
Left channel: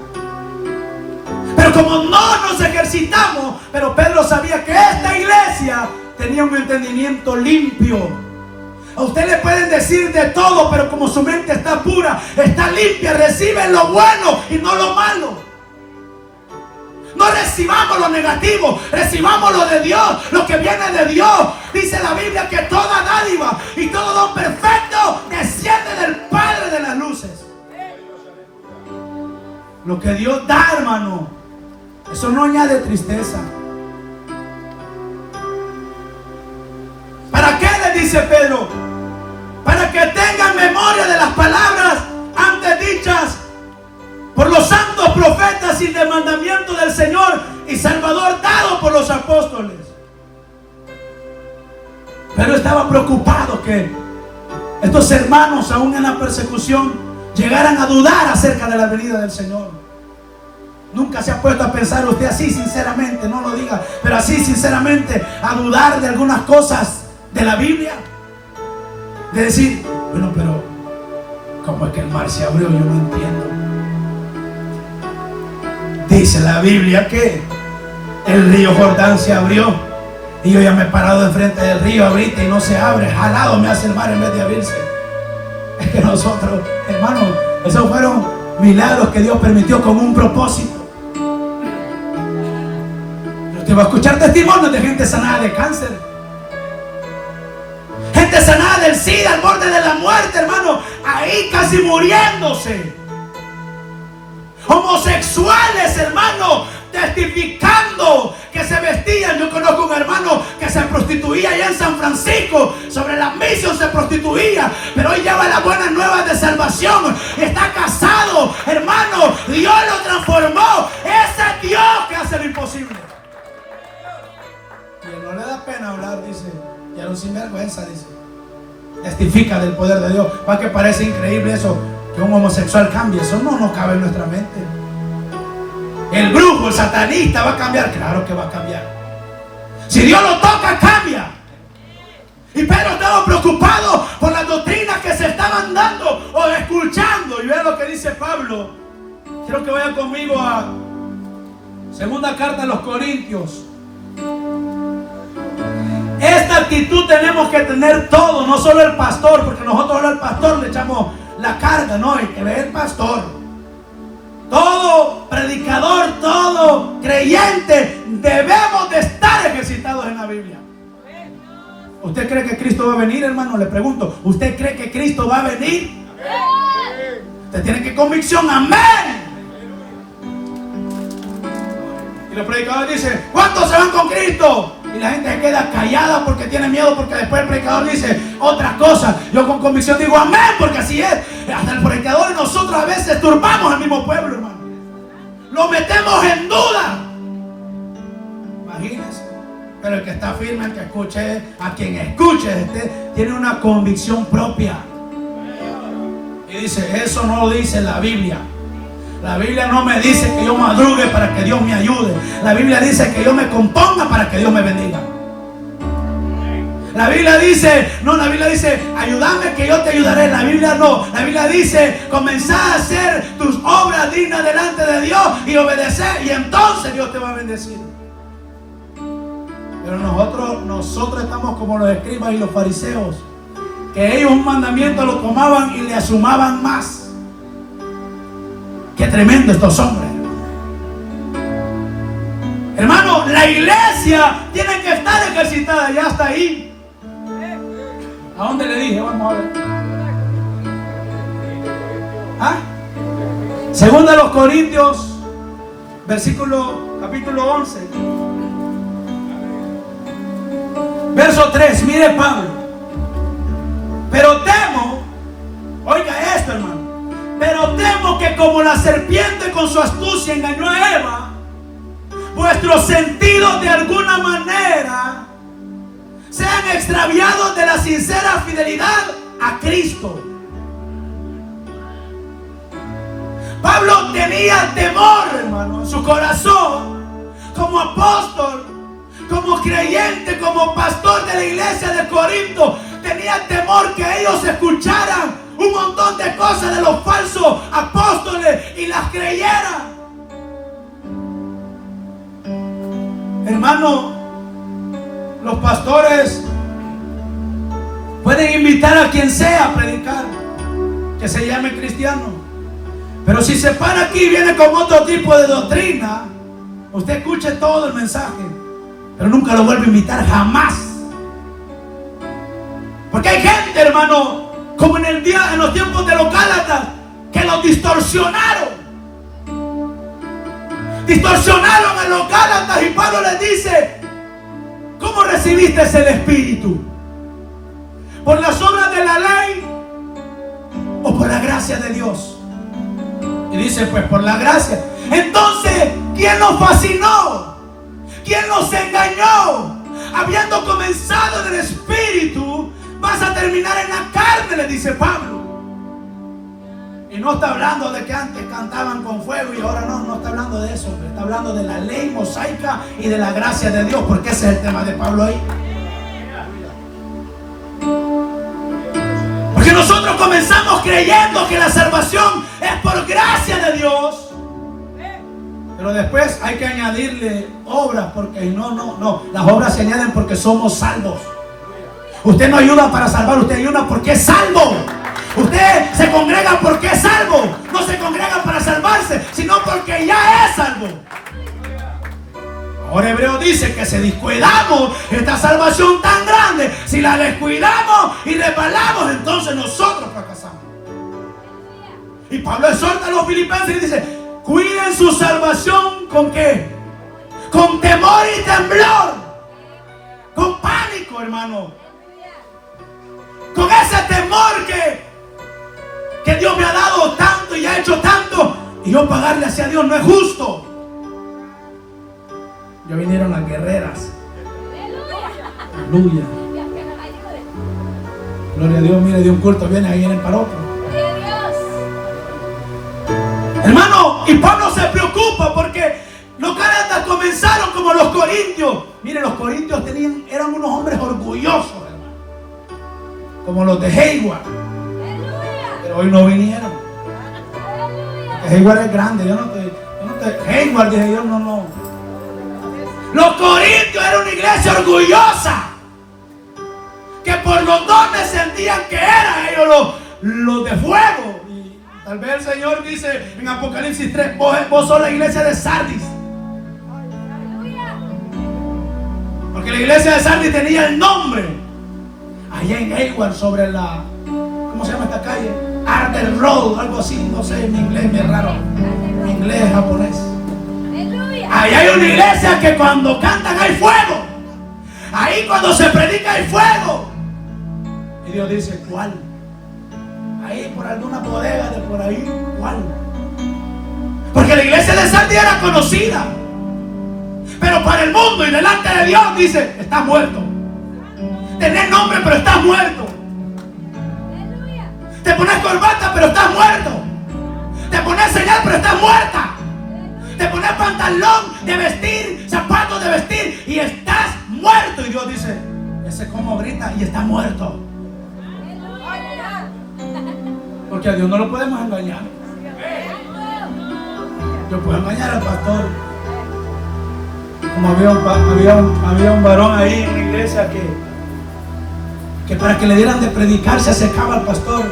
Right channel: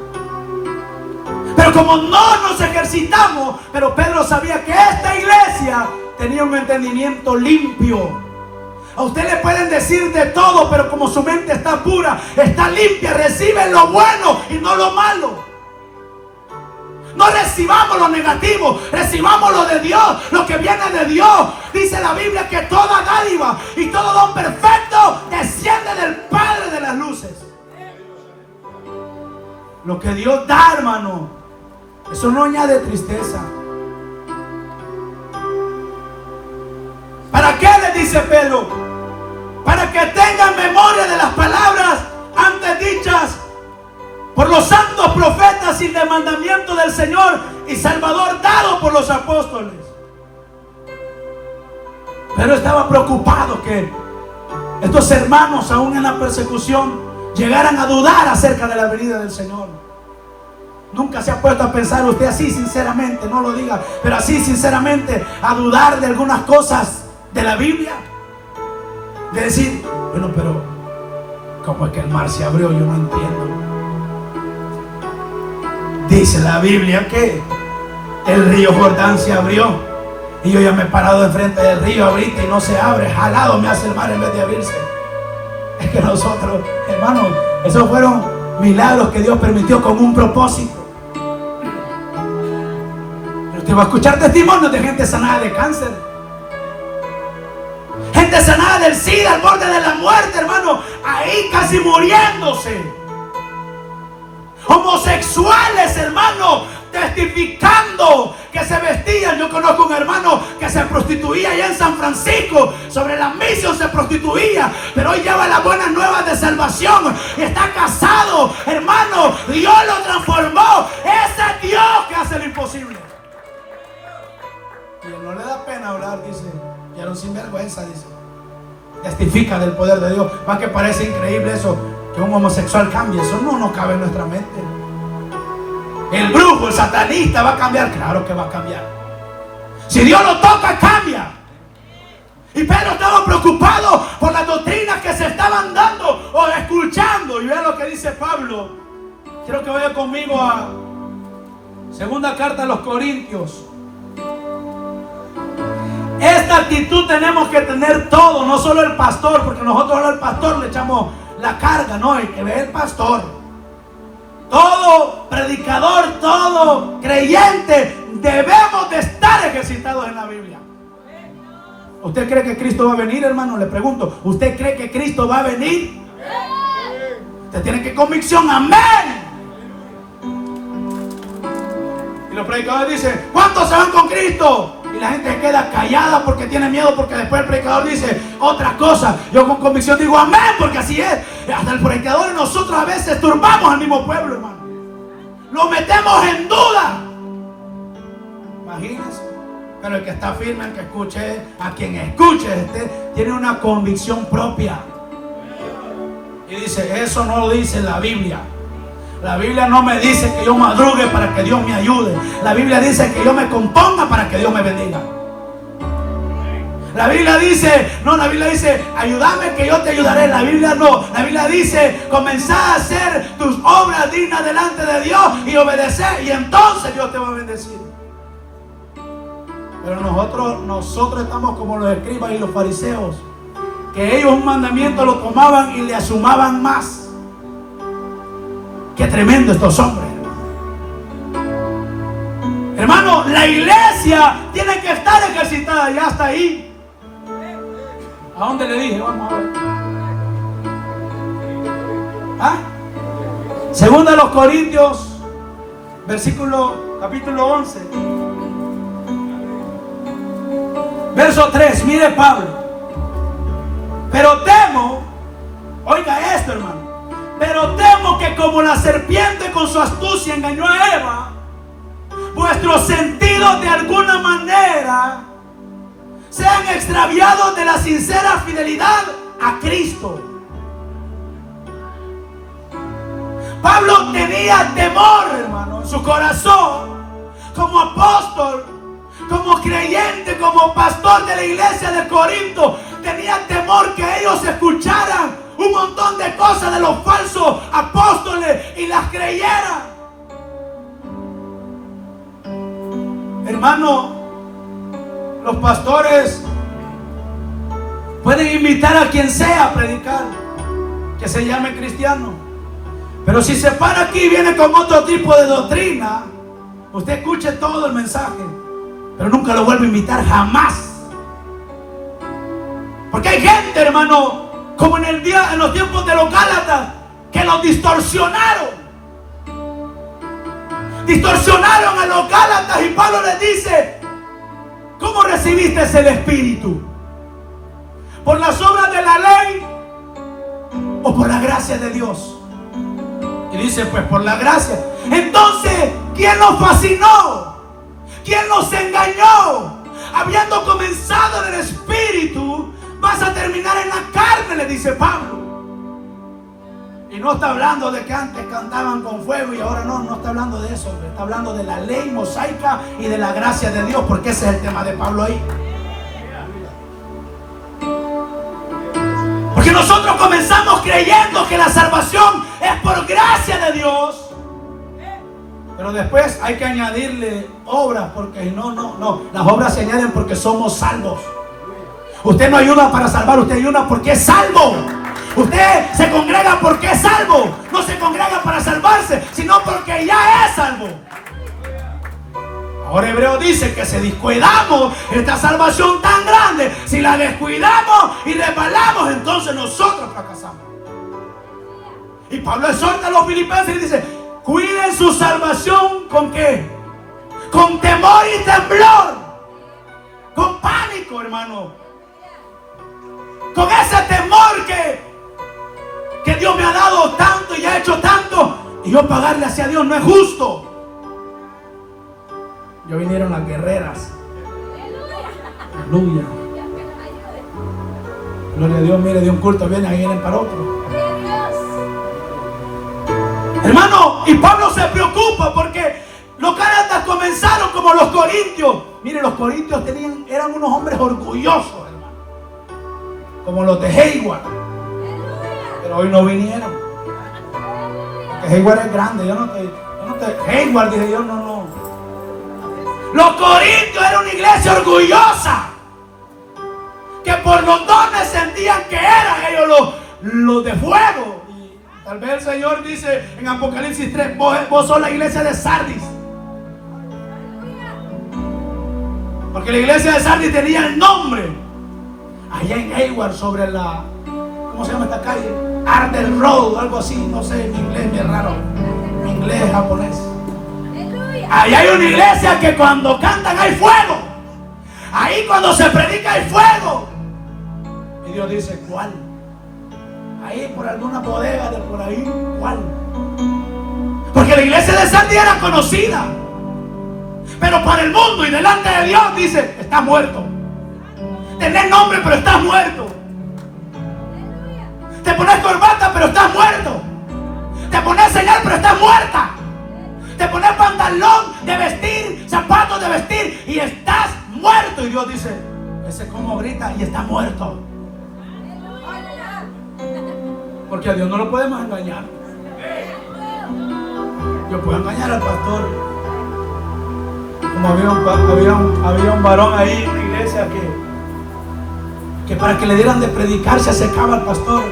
Pero como no nos ejercitamos, pero Pedro sabía que esta iglesia tenía un entendimiento limpio. A usted le pueden decir de todo, pero como su mente está pura, está limpia, reciben lo bueno y no lo malo. No recibamos lo negativo, recibamos lo de Dios, lo que viene de Dios. Dice la Biblia que toda dádiva y todo don perfecto desciende del Padre de las luces. Lo que Dios da, hermano, eso no añade tristeza. ¿Para qué le dice Pedro? Para que tengan memoria de las palabras antes dichas por los santos profetas y del mandamiento del Señor y Salvador dado por los apóstoles. Pero estaba preocupado que estos hermanos, aún en la persecución, llegaran a dudar acerca de la venida del Señor. Nunca se ha puesto a pensar usted así sinceramente, no lo diga, pero así sinceramente, a dudar de algunas cosas de la Biblia. De decir, bueno, pero ¿cómo es que el mar se abrió? Yo no entiendo. Dice la Biblia que el río Jordán se abrió y yo ya me he parado enfrente del río ahorita y no se abre. Jalado me hace el mar en vez de abrirse. Es que nosotros, hermanos, esos fueron milagros que Dios permitió con un propósito. Pero usted va a escuchar testimonios de gente sanada de cáncer, gente sanada del SIDA, al borde de la muerte, hermano, ahí casi muriéndose. Homosexuales, hermano, testificando que se vestían. Yo conozco un hermano que se prostituía allá en San Francisco, sobre la misión se prostituía, pero hoy lleva las buenas nuevas de salvación y está casado, hermano. Dios lo transformó. Ese Dios que hace lo imposible. Y no le da pena hablar, dice, y a los sinvergüenza, dice, testifica del poder de Dios. ¿Para que parece increíble eso? Que un homosexual cambie. Eso no cabe en nuestra mente. El brujo, el satanista va a cambiar. Claro que va a cambiar. Si Dios lo toca, cambia. Y Pedro estaba preocupado por las doctrinas que se estaban dando o escuchando. Y vean lo que dice Pablo. Quiero que vaya conmigo a segunda carta de los Corintios. Esta esta actitud tenemos que tener todo, no solo el pastor, porque nosotros al pastor le echamos la carga, no, el que ve el pastor. Todo predicador, todo creyente, debemos de estar ejercitados en la Biblia. ¿Usted cree que Cristo va a venir, hermano? Le pregunto, ¿usted cree que Cristo va a venir? Usted tiene que convicción, amén. Y los predicadores dicen, ¿cuántos se van con Cristo? Y la gente se queda callada porque tiene miedo, porque después el predicador dice otra cosa. Yo con convicción digo amén, porque así es. Hasta el predicador y nosotros a veces turbamos al mismo pueblo, hermano. Lo metemos en duda. Imagínense. Pero el que está firme, el que escuche, a quien escuche, tiene una convicción propia. Y dice, eso no lo dice la Biblia. La Biblia no me dice que yo madrugue para que Dios me ayude. La Biblia dice que yo me componga para que Dios me bendiga. La Biblia dice, no, la Biblia dice, ayúdame que yo te ayudaré. La Biblia no, la Biblia dice, comenzá a hacer tus obras dignas delante de Dios y obedecer, y entonces Dios te va a bendecir. Pero nosotros estamos como los escribas y los fariseos, que ellos un mandamiento lo tomaban y le asumaban más. Qué tremendo estos hombres, hermano. La iglesia tiene que estar ejercitada, ya está ahí. ¿A dónde le dije? Vamos a ver. Segunda de los Corintios, capítulo 11, verso 3. Mire Pablo. Pero temo, oiga esto, hermano. Pero temo que como la serpiente con su astucia engañó a Eva, vuestros sentidos de alguna manera sean extraviados de la sincera fidelidad a Cristo. Pablo tenía temor, hermano, en su corazón, como apóstol, como creyente, como pastor de la iglesia de Corinto. Tenía temor que ellos escucharan un montón de cosas de los falsos apóstoles y las creyeran. Hermano, los pastores pueden invitar a quien sea a predicar, que se llame cristiano, pero si se para aquí y viene con otro tipo de doctrina, usted escuche todo el mensaje, pero nunca lo vuelve a invitar, jamás. Porque hay gente, hermano, como en los tiempos de los Gálatas, que los distorsionaron a los Gálatas, y Pablo les dice, ¿cómo recibiste el Espíritu? ¿Por las obras de la ley o por la gracia de Dios? Y dice, pues por la gracia. Entonces, ¿quién nos fascinó? ¿Quién nos engañó? Habiendo comenzado en el Espíritu, vas a terminar en la carne, le dice Pablo. Y no está hablando de que antes cantaban con fuego y ahora no está hablando de eso. Está hablando de la ley mosaica y de la gracia de Dios, porque ese es el tema de Pablo ahí. Porque nosotros comenzamos creyendo que la salvación es por gracia de Dios, pero después hay que añadirle obras, porque no, las obras se añaden porque somos salvos. Usted no ayuda para salvar, usted ayuda porque es salvo. Usted se congrega porque es salvo. No se congrega para salvarse, sino porque ya es salvo. Ahora Hebreo dice que si descuidamos esta salvación tan grande, si la descuidamos y resbalamos, entonces nosotros fracasamos. Y Pablo exhorta a los filipenses y dice, cuiden su salvación ¿con qué? Con temor y temblor, con pánico, hermano. Con ese temor que Dios me ha dado tanto y ha hecho tanto, y yo pagarle hacia Dios no es justo. Ya vinieron las guerreras. Aleluya. Gloria a Dios. Mire, de un culto vienen para otro. Hermano, y Pablo se preocupa porque los Gálatas comenzaron como los corintios. Mire, los corintios eran unos hombres orgullosos, hermano, como los de Hayward. Pero hoy no vinieron. Hayward es grande. Hayward, dije yo, no. Los corintios eran una iglesia orgullosa. que por los dones sentían que eran ellos los de fuego. Y tal vez el Señor dice en Apocalipsis 3, vos sos la iglesia de Sardis. Porque la iglesia de Sardis tenía el nombre allá en Hayward, sobre la, ¿cómo se llama esta calle? Arden Road, algo así, no sé, mi inglés es raro, mi inglés es japonés. Allá hay una iglesia que cuando cantan hay fuego. Ahí cuando se predica hay fuego. Y Dios dice, ¿cuál? Ahí por alguna bodega de por ahí, ¿cuál? Porque la iglesia de Sardis era conocida, pero para el mundo y delante de Dios dice, estás muerto. Tenés nombre pero estás muerto. Te pones corbata pero estás muerto. Te pones señal pero estás muerta. Te pones pantalón de vestir, zapatos de vestir y estás muerto. Y Dios dice, ese como grita y está muerto. Porque a Dios no lo podemos engañar. Yo puedo engañar al pastor. Como había un varón ahí en la iglesia que para que le dieran de predicar se acercaba al pastor.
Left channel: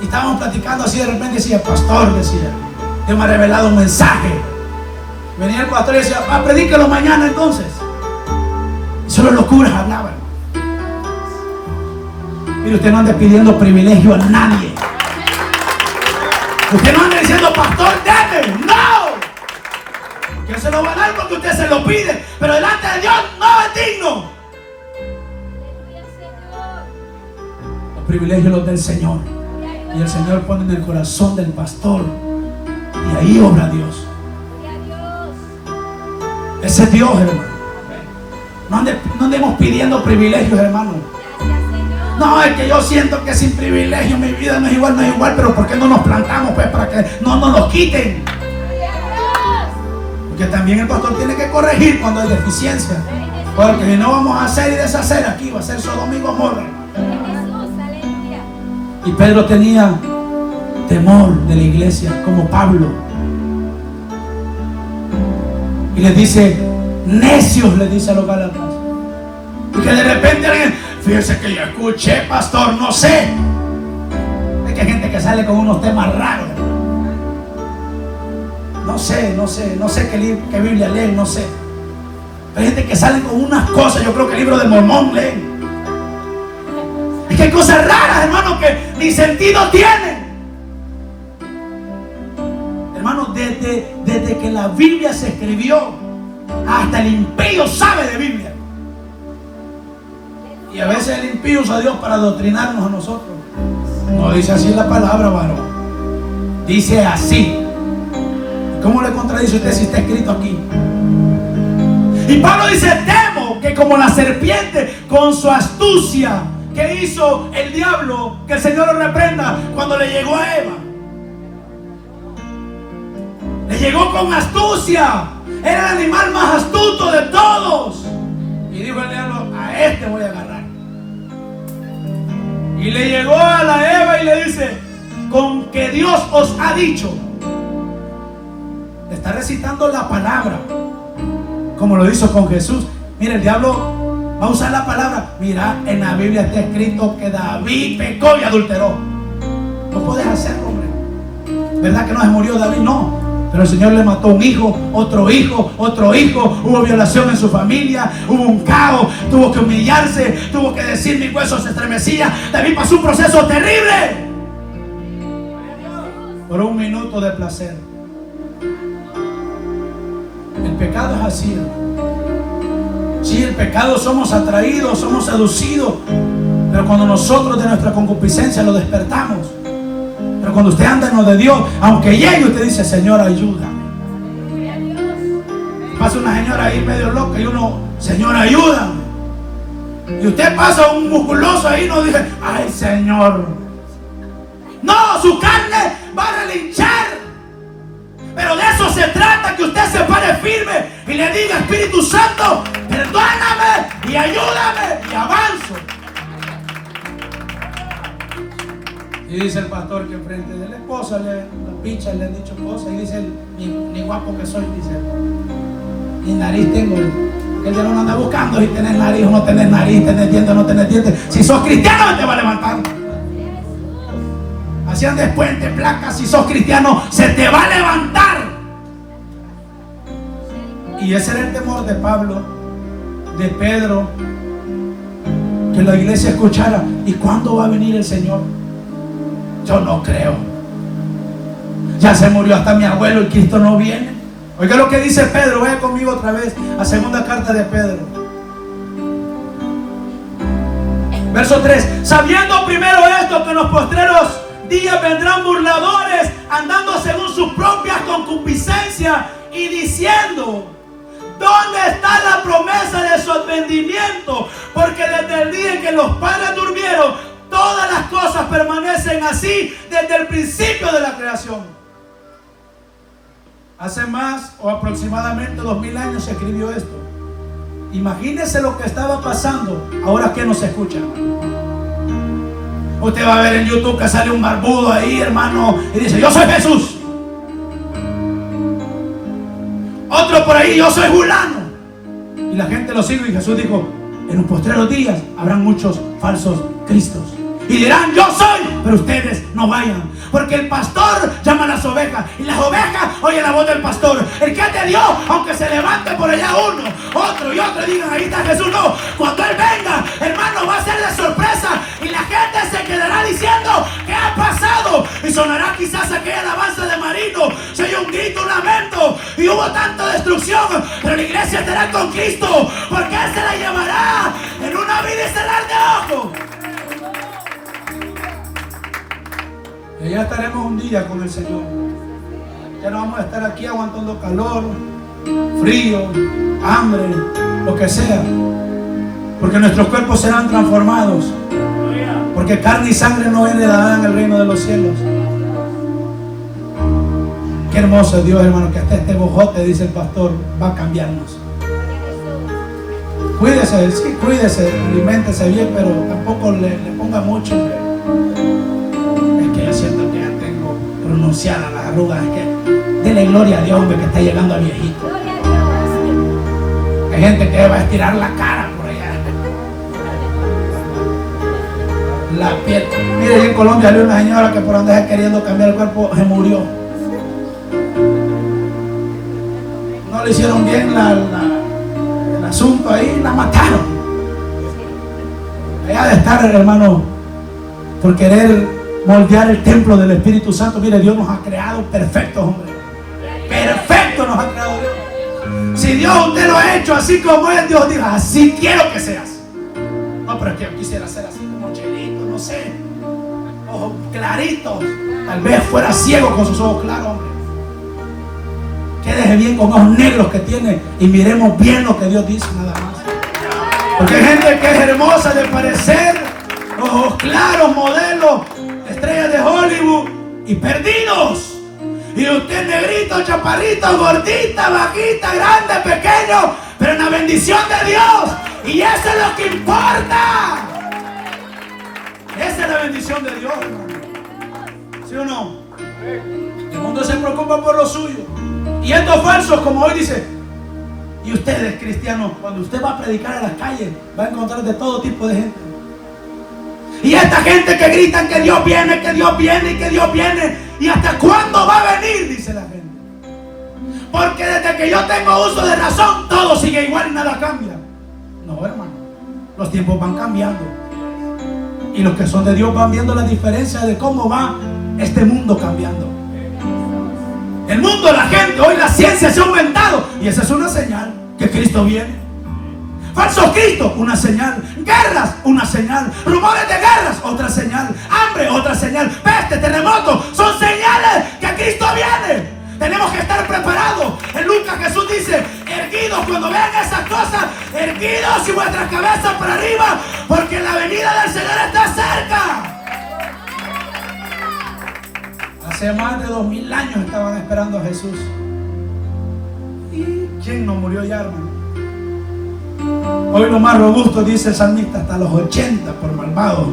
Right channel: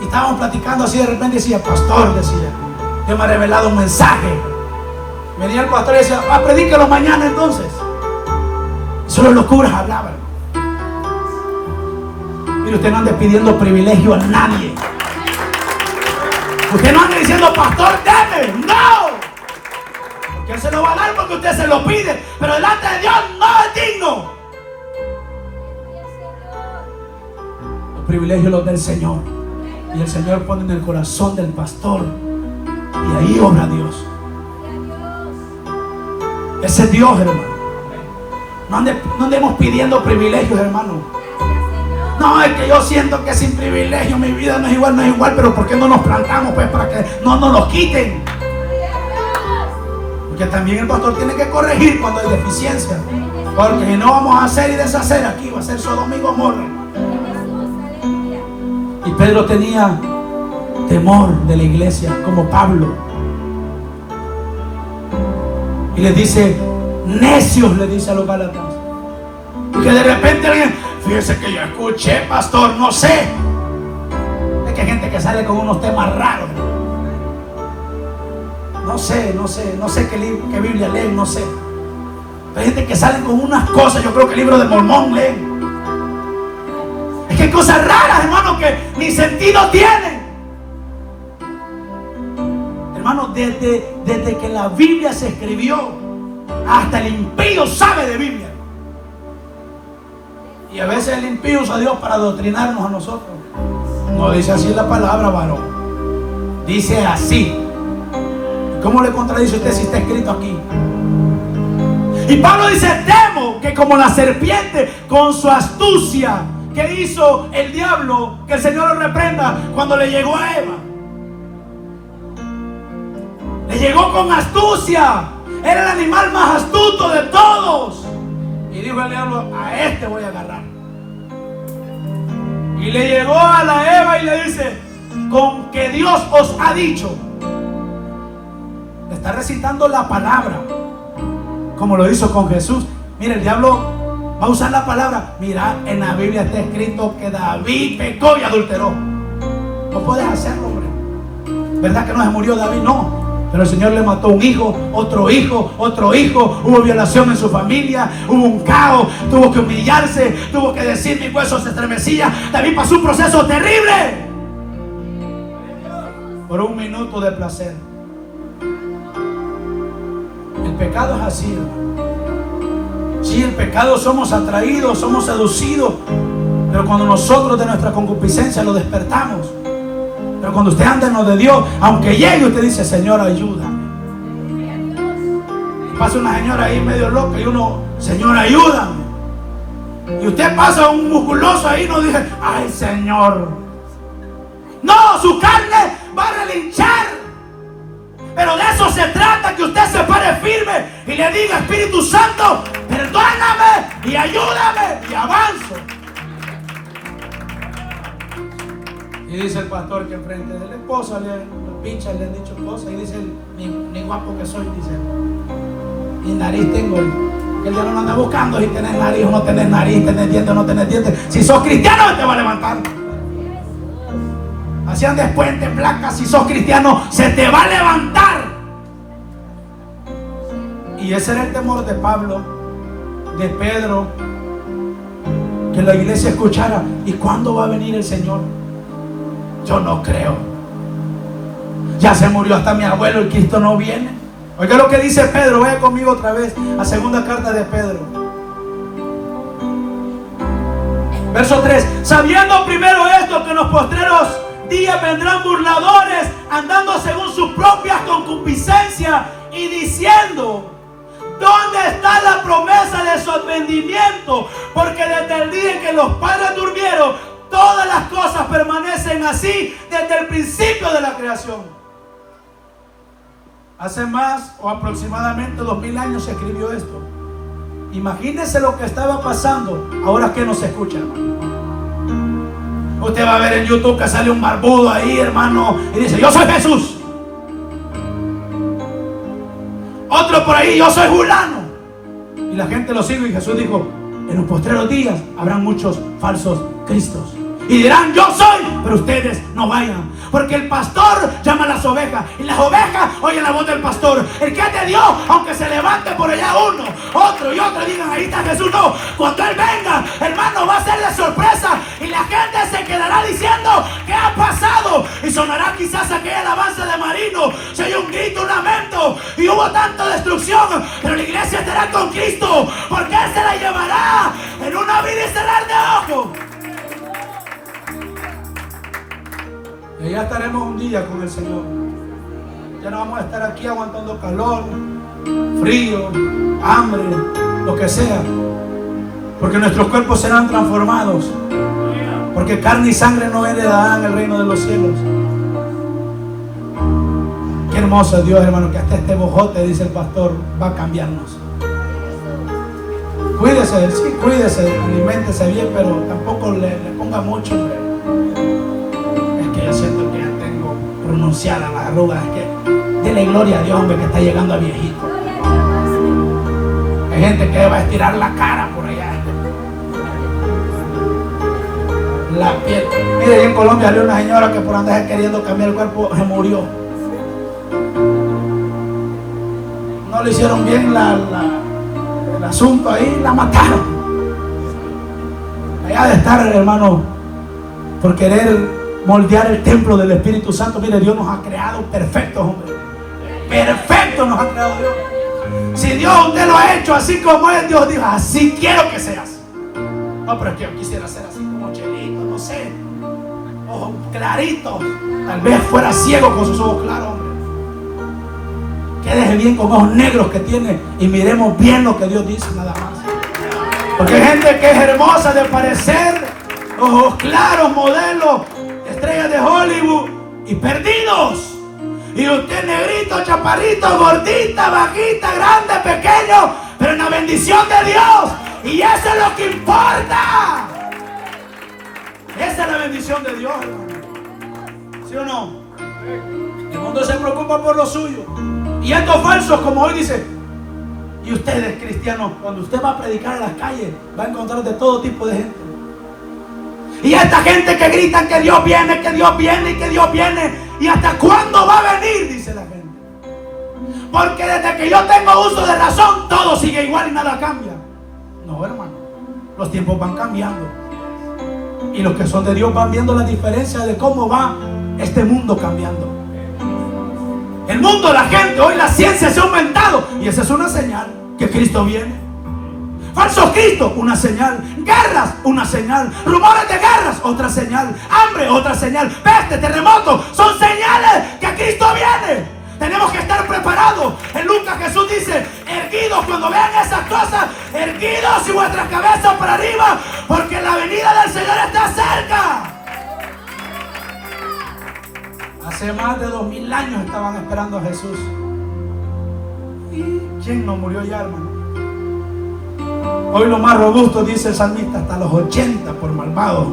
Y estábamos platicando así, de repente decía, pastor, decía, Dios me ha revelado un mensaje. Venía el pastor y decía, predíquelo mañana entonces. Y solo los curas hablaban. Mire, usted no anda pidiendo privilegio a nadie. Usted no anda diciendo, pastor, deme. No. Porque Él se lo va a dar porque usted se lo pide. Pero delante de Dios no es digno. Los privilegios los del Señor. Y el Señor pone en el corazón del pastor. Y ahí obra Dios. Ese es Dios, hermano. No andemos pidiendo privilegios, hermano. No, es que yo siento que sin privilegio mi vida no es igual, pero ¿por qué no nos plantamos pues para que no nos los quiten? Porque también el pastor tiene que corregir cuando hay deficiencia. Porque si no vamos a hacer y deshacer aquí, va a ser Sodoma y Gomorra. Y Pedro tenía temor de la iglesia, como Pablo. Y les dice, necios, le dice a los Gálatas. Y que de repente alguien, fíjense que yo escuché, pastor, no sé. Es que hay gente que sale con unos temas raros. No sé qué Biblia leen, no sé. Pero hay gente que sale con unas cosas, yo creo que el libro del Mormón leen. Es que hay cosas raras, hermano, que ni sentido tienen. Hermano, desde que la Biblia se escribió, hasta el impío sabe de Biblia. Y a veces el impío usa a Dios para adoctrinarnos a nosotros. No dice así la palabra, varón. Dice así. ¿Cómo le contradice usted si está escrito aquí? Y Pablo dice, temo que como la serpiente con su astucia, que hizo el diablo, que el Señor lo reprenda cuando le llegó a Eva. Le llegó con astucia. Era el animal más astuto de todos. Y dijo el diablo, a este voy a agarrar. Y le llegó a la Eva y le dice, con que Dios os ha dicho. Le está recitando la palabra, como lo hizo con Jesús. Mire, el diablo va a usar la palabra. Mira, en la Biblia está escrito que David pecó y adulteró. No puedes hacerlo, hombre. ¿Verdad que no se murió David? No. Pero el Señor le mató un hijo, otro hijo, hubo violación en su familia, hubo un caos, tuvo que humillarse, tuvo que decir mis huesos se estremecían. David pasó un proceso terrible por un minuto de placer. El pecado es así, hermano. Sí, el pecado somos atraídos, somos seducidos, pero cuando nosotros de nuestra concupiscencia lo despertamos. Pero cuando usted anda en lo de Dios, aunque llegue, usted dice, Señor, ayúdame. Pasa una señora ahí medio loca y uno, Señor, ayúdame. Y usted pasa un musculoso ahí y no dice, ay, Señor. No, su carne va a relinchar. Pero de eso se trata, que usted se pare firme y le diga, Espíritu Santo, perdóname y ayúdame y avanzo. Y dice el pastor que enfrente de la esposa, los pinchas le han dicho cosas. Y dice, ni guapo que soy, dice, ni nariz tengo, El diablo no anda buscando si tenés nariz o no tenés nariz, tenés dientes o no tenés dientes. Si sos cristiano, te va a levantar. Hacían después de placas, si sos cristiano, se te va a levantar. Y ese era el temor de Pablo, de Pedro, que la iglesia escuchara. ¿Y cuándo va a venir el Señor? Yo no creo. Ya se murió hasta mi abuelo y Cristo no viene. Oiga lo que dice Pedro, ve conmigo otra vez a segunda carta de Pedro. Verso 3. Sabiendo primero esto, que en los postreros días vendrán burladores, andando según sus propias concupiscencias y diciendo: ¿dónde está la promesa de su advenimiento? Porque desde el día en que los padres durmieron, todas las cosas permanecen así desde el principio de la creación. Hace más o aproximadamente 2000 años se escribió esto. Imagínense lo que estaba pasando ahora que nos escucha. Usted va a ver en YouTube que sale un barbudo ahí, hermano, y dice: yo soy Jesús. Otro por ahí: yo soy fulano. Y la gente lo sigue, y Jesús dijo: en los postreros días habrán muchos falsos cristos. Y dirán: yo soy, pero ustedes no vayan. Porque el pastor llama a las ovejas, y las ovejas oyen la voz del pastor. El que es de Dios, aunque se levante por allá uno, otro y otro, digan: ahí está Jesús. No, cuando Él venga, hermano, va a ser de sorpresa. Y la gente se quedará diciendo: ¿qué ha pasado? Y sonará quizás aquella alabanza de Marino. Se oye un grito, un lamento, y hubo tanta destrucción. Pero la iglesia estará con Cristo, porque Él se la llevará en un abrir y cerrar de ojos. Y ya estaremos un día con el Señor. Ya no vamos a estar aquí aguantando calor, frío, hambre, lo que sea. Porque nuestros cuerpos serán transformados. Porque carne y sangre no heredarán el reino de los cielos. Qué hermoso es Dios, hermano, que hasta este bojote, dice el pastor, va a cambiarnos. Cuídese, sí, cuídese, aliméntese bien, pero tampoco le ponga mucho. Yo siento que ya tengo pronunciadas las arrugas. Es que dele gloria a Dios, hombre, que está llegando a viejito. Hay gente que va a estirar la cara por allá. La piel. Mire, en Colombia había una señora que por andar queriendo cambiar el cuerpo se murió. No le hicieron bien el asunto ahí, la mataron. Allá de estar, hermano, por querer moldear el templo del Espíritu Santo. Mire, Dios nos ha creado perfectos, hombre. Perfecto nos ha creado Dios. Si Dios usted lo ha hecho así como es, Dios diga: así quiero que seas. No, pero es que yo quisiera ser así como Chelito, no sé, ojos claritos. Tal vez fuera ciego con sus ojos claros, hombre. Quédese bien con ojos negros que tiene y miremos bien lo que Dios dice, nada más. Porque hay gente que es hermosa de parecer, ojos claros, modelos, estrellas de Hollywood, y perdidos. Y usted negrito, chaparrito, gordita, bajita, grande, pequeño, pero en la bendición de Dios. Y eso es lo que importa. Esa es la bendición de Dios, hermano. ¿Sí o no? El mundo se preocupa por lo suyo. Y estos falsos, como hoy dice. Y ustedes, cristianos, cuando usted va a predicar a las calles, va a encontrar de todo tipo de gente. Y esta gente que gritan que Dios viene, que Dios viene y que Dios viene. ¿Y hasta cuándo va a venir? Dice la gente. Porque desde que yo tengo uso de razón, todo sigue igual y nada cambia. No, hermano. Los tiempos van cambiando. Y los que son de Dios van viendo la diferencia de cómo va este mundo cambiando. El mundo, la gente, hoy la ciencia se ha aumentado. Y esa es una señal que Cristo viene. Falsos cristos, una señal. Guerras, una señal. Rumores de guerras, otra señal. Hambre, otra señal. Peste, terremoto, son señales que Cristo viene. Tenemos que estar preparados. En Lucas Jesús dice: erguidos cuando vean esas cosas, erguidos y vuestras cabezas para arriba, porque la venida del Señor está cerca. Hace más de 2000 años estaban esperando a Jesús. ¿Y quién no murió ya, hermano? Hoy lo más robusto, dice el salmista, hasta los 80 por malvados.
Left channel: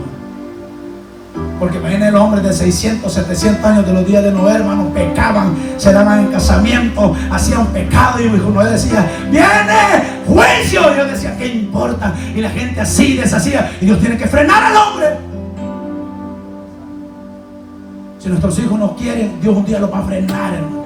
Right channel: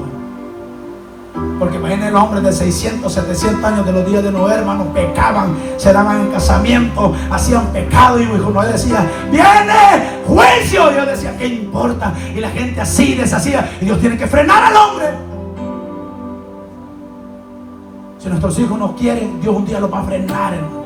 Porque imaginen los hombres de 600, 700 años de los días de Noé, hermanos, pecaban, se daban en casamiento, hacían pecado y Noé decía, viene juicio. Y Dios decía, ¿qué importa? Y la gente así deshacía. Y Dios tiene que frenar al hombre. Si nuestros hijos no quieren, Dios un día los va a frenar, hermano.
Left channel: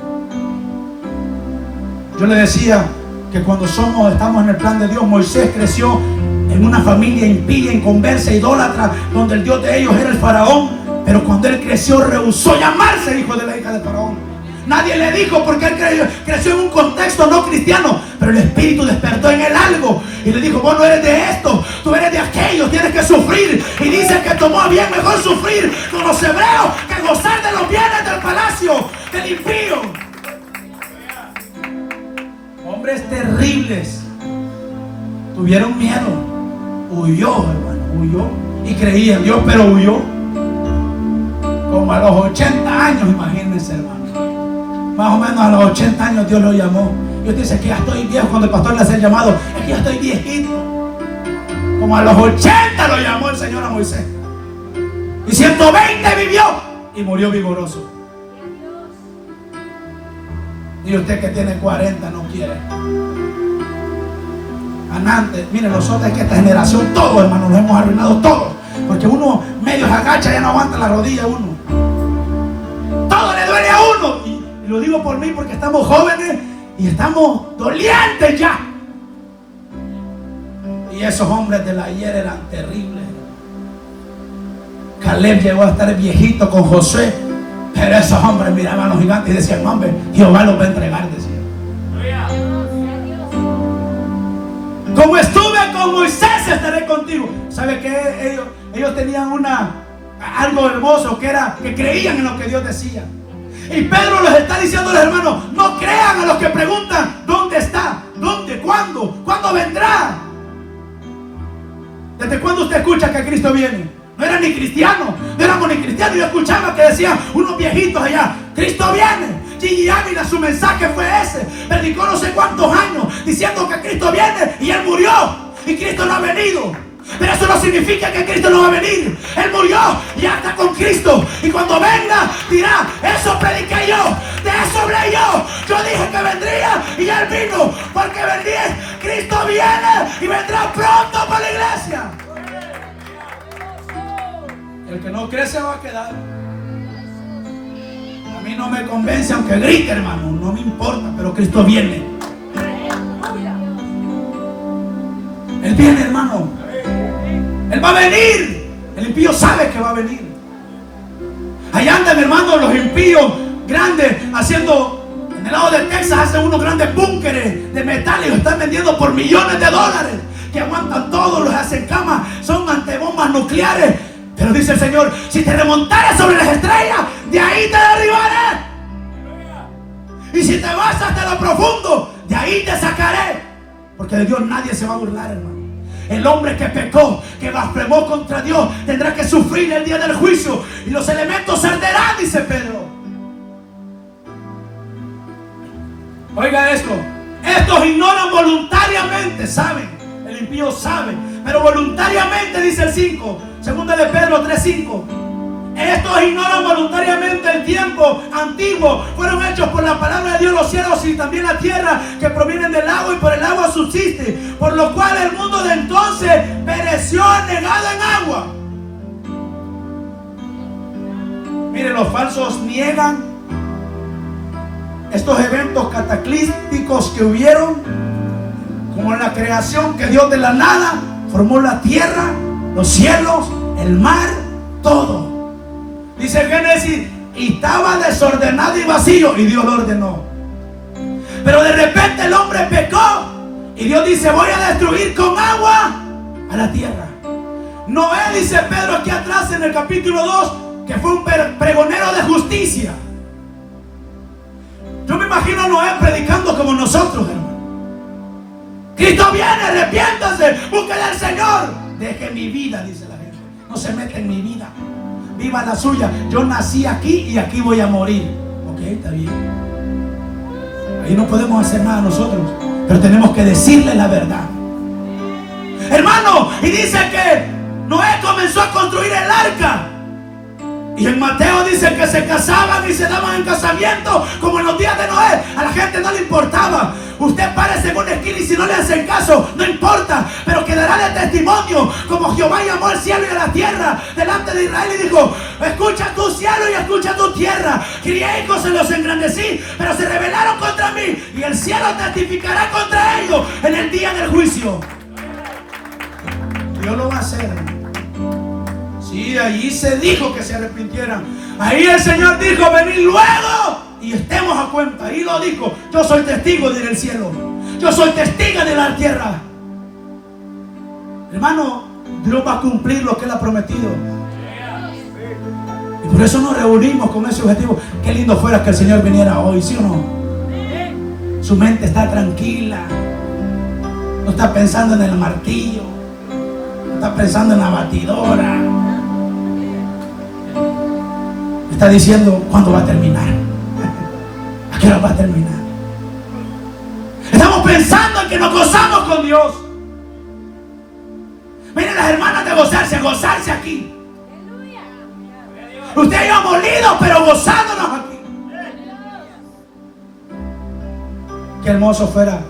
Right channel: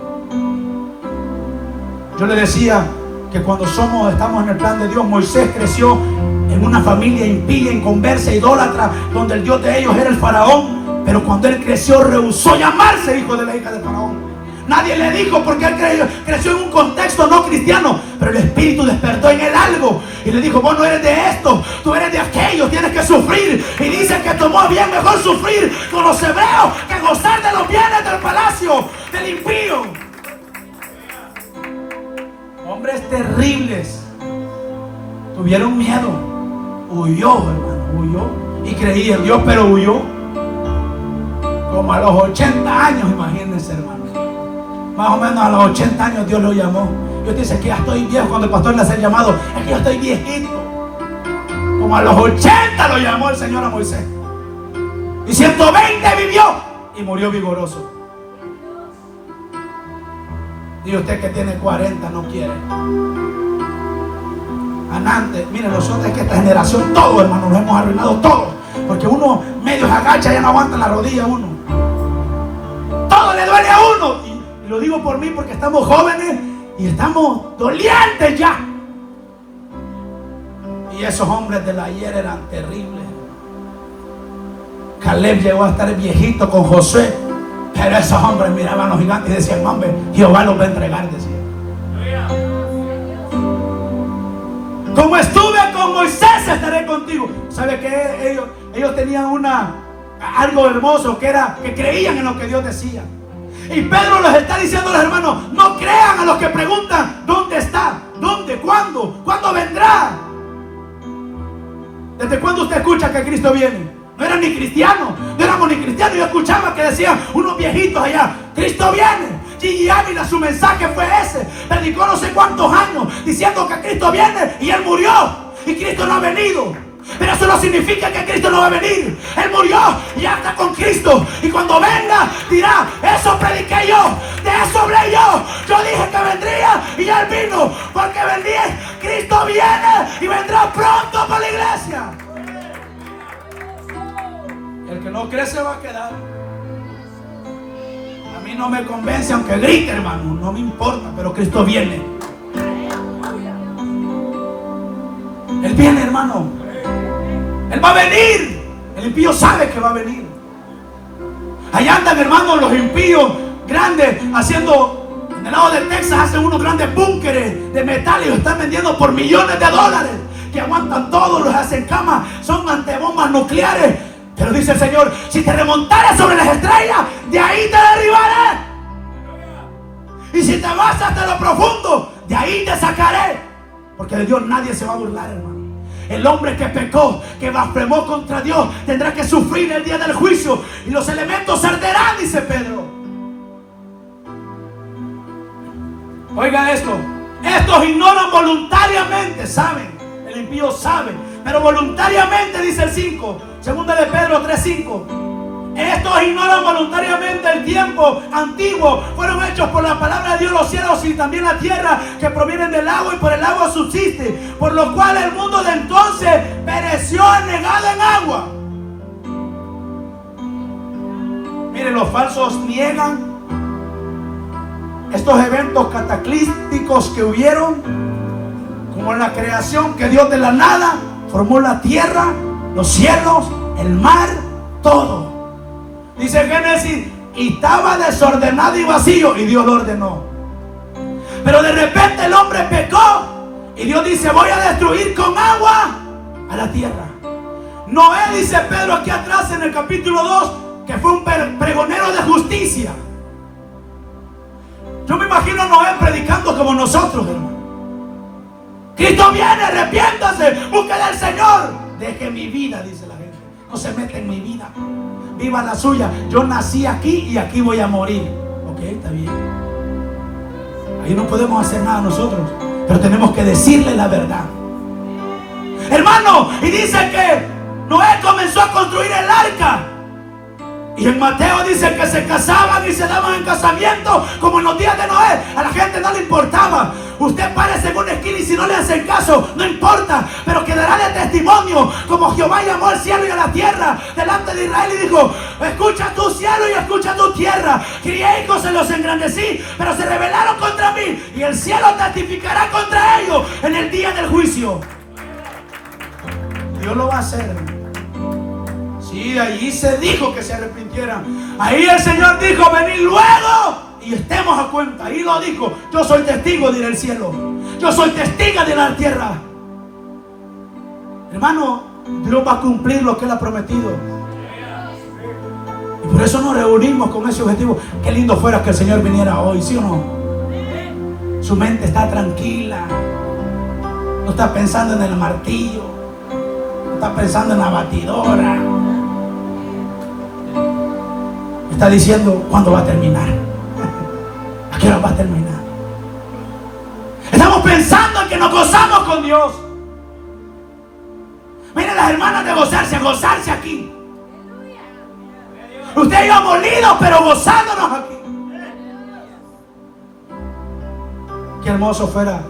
Yo le decía que cuando estamos en el plan de Dios, Moisés creció en una familia impía, inconversa, idólatra, donde el Dios de ellos era el faraón. Pero cuando él creció, rehusó llamarse hijo de la hija de faraón. Nadie le dijo, porque él creció en un contexto no cristiano, pero el Espíritu despertó en él algo y le dijo, vos no eres de esto, tú eres de aquello, tienes que sufrir. Y dice que tomó bien mejor sufrir con los hebreos que gozar de los bienes del palacio del impío. Hombres terribles tuvieron miedo. Huyó, hermano, huyó. Y creía en Dios, pero huyó. Como a los 80 años, imagínense, hermano. Más o menos a los 80 años Dios lo llamó. Dios dice que ya estoy viejo. Cuando el pastor le hace el llamado, es que ya estoy viejito. Como a los 80 lo llamó el Señor a Moisés. Y 120 vivió y murió vigoroso. Y usted que tiene 40 no quiere. Antes, mire, nosotros es que esta generación, todo, hermano, nos hemos arruinado todo. Porque uno medio se agacha y ya no aguanta la rodilla uno. Todo le duele a uno. Y lo digo por mí porque estamos jóvenes y estamos dolientes ya. Y esos hombres del ayer eran terribles. Caleb llegó a estar viejito con Josué, pero esos hombres miraban a los gigantes y decían, hombre, Jehová los va a entregar, decían. Como estuve con Moisés, estaré contigo. ¿Sabe qué? Ellos tenían algo hermoso, que era que creían en lo que Dios decía. Y Pedro les está diciendo a los hermanos, no crean a los que preguntan, ¿dónde está? ¿Dónde? ¿Cuándo? ¿Cuándo vendrá? ¿Desde cuándo usted escucha que Cristo viene? No era ni cristiano, no éramos ni cristianos. Yo escuchaba que decían unos viejitos allá, Cristo viene. Gigi Ávila, su mensaje fue ese. Predicó no sé cuántos años diciendo que Cristo viene y Él murió. Y Cristo no ha venido. Pero eso no significa que Cristo no va a venir. Él murió y ya está con Cristo. Y cuando venga dirá, eso prediqué yo, de eso hablé yo. Yo dije que vendría y Él vino. Porque vendría, Cristo viene y vendrá pronto por la iglesia. El que no cree se va a quedar. A mí no me convence aunque grite, hermano, no me importa, pero Cristo viene. Él viene, hermano. Él va a venir. El impío sabe que va a venir. Allá andan, hermano, los impíos grandes haciendo, en el lado de Texas hacen unos grandes búnkeres de metal y los están vendiendo por millones de dólares, que aguantan todo, los hacen camas, son antebombas nucleares. Pero dice el Señor, si te remontares sobre las estrellas, de ahí te derribaré. Y si te vas hasta lo profundo, de ahí te sacaré. Porque de Dios nadie se va a burlar, hermano. El hombre que pecó, que blasfemó contra Dios, tendrá que sufrir el día del juicio. Y los elementos arderán, dice Pedro. Oiga esto. Estos ignoran voluntariamente, saben. El impío sabe, pero voluntariamente, dice el 5. Segunda de Pedro 3:5. Estos ignoran voluntariamente el tiempo antiguo. Fueron hechos por la palabra de Dios los cielos y también la tierra, que provienen del agua y por el agua subsiste. Por lo cual el mundo de entonces pereció anegado en agua. Miren, los falsos niegan estos eventos cataclísticos que hubieron, como en la creación, que Dios de la nada formó la tierra, los cielos, el mar, todo. Dice el Génesis, y estaba desordenado y vacío, y Dios lo ordenó. Pero de repente el hombre pecó, y Dios dice, voy a destruir con agua a la tierra. Noé, dice Pedro aquí atrás en el capítulo 2, que fue un pregonero de justicia. Yo me imagino a Noé predicando como nosotros, hermano. Cristo viene, arrepiéntanse, busquen al Señor. Deje mi vida, dice la gente. No se mete en mi vida. Viva la suya. Yo nací aquí y aquí voy a morir. Ok, está bien. Ahí no podemos hacer nada nosotros, pero tenemos que decirle la verdad, hermano. Y dice que Noé comenzó a construir el arca. Y en Mateo dice que se casaban y se daban en casamiento como en los días de Noé. A la gente no le importaba. Usted párese en una esquina y si no le hacen caso, no importa, pero quedará de testimonio como Jehová llamó al cielo y a la tierra delante de Israel y dijo: escucha tu cielo y escucha tu tierra. Crié hijos, se los engrandecí, pero se rebelaron contra mí, y el cielo testificará contra ellos en el día del juicio. Dios lo va a hacer. Sí, allí se dijo que se arrepintieran. Ahí el Señor dijo: venid luego y estemos a cuenta. Ahí lo dijo: yo soy testigo del cielo, yo soy testigo de la tierra. Hermano, Dios va a cumplir lo que Él ha prometido. Y por eso nos reunimos con ese objetivo. Qué lindo fuera que el Señor viniera hoy, ¿sí o no? Su mente está tranquila, no está pensando en el martillo, no está pensando en la batidora. Está diciendo: ¿cuándo va a terminar? ¿A qué hora va a terminar? Estamos pensando en que nos gozamos con Dios. Miren las hermanas de gozarse, a gozarse aquí. Usted y yo molidos, pero gozándonos aquí. Qué hermoso fuera,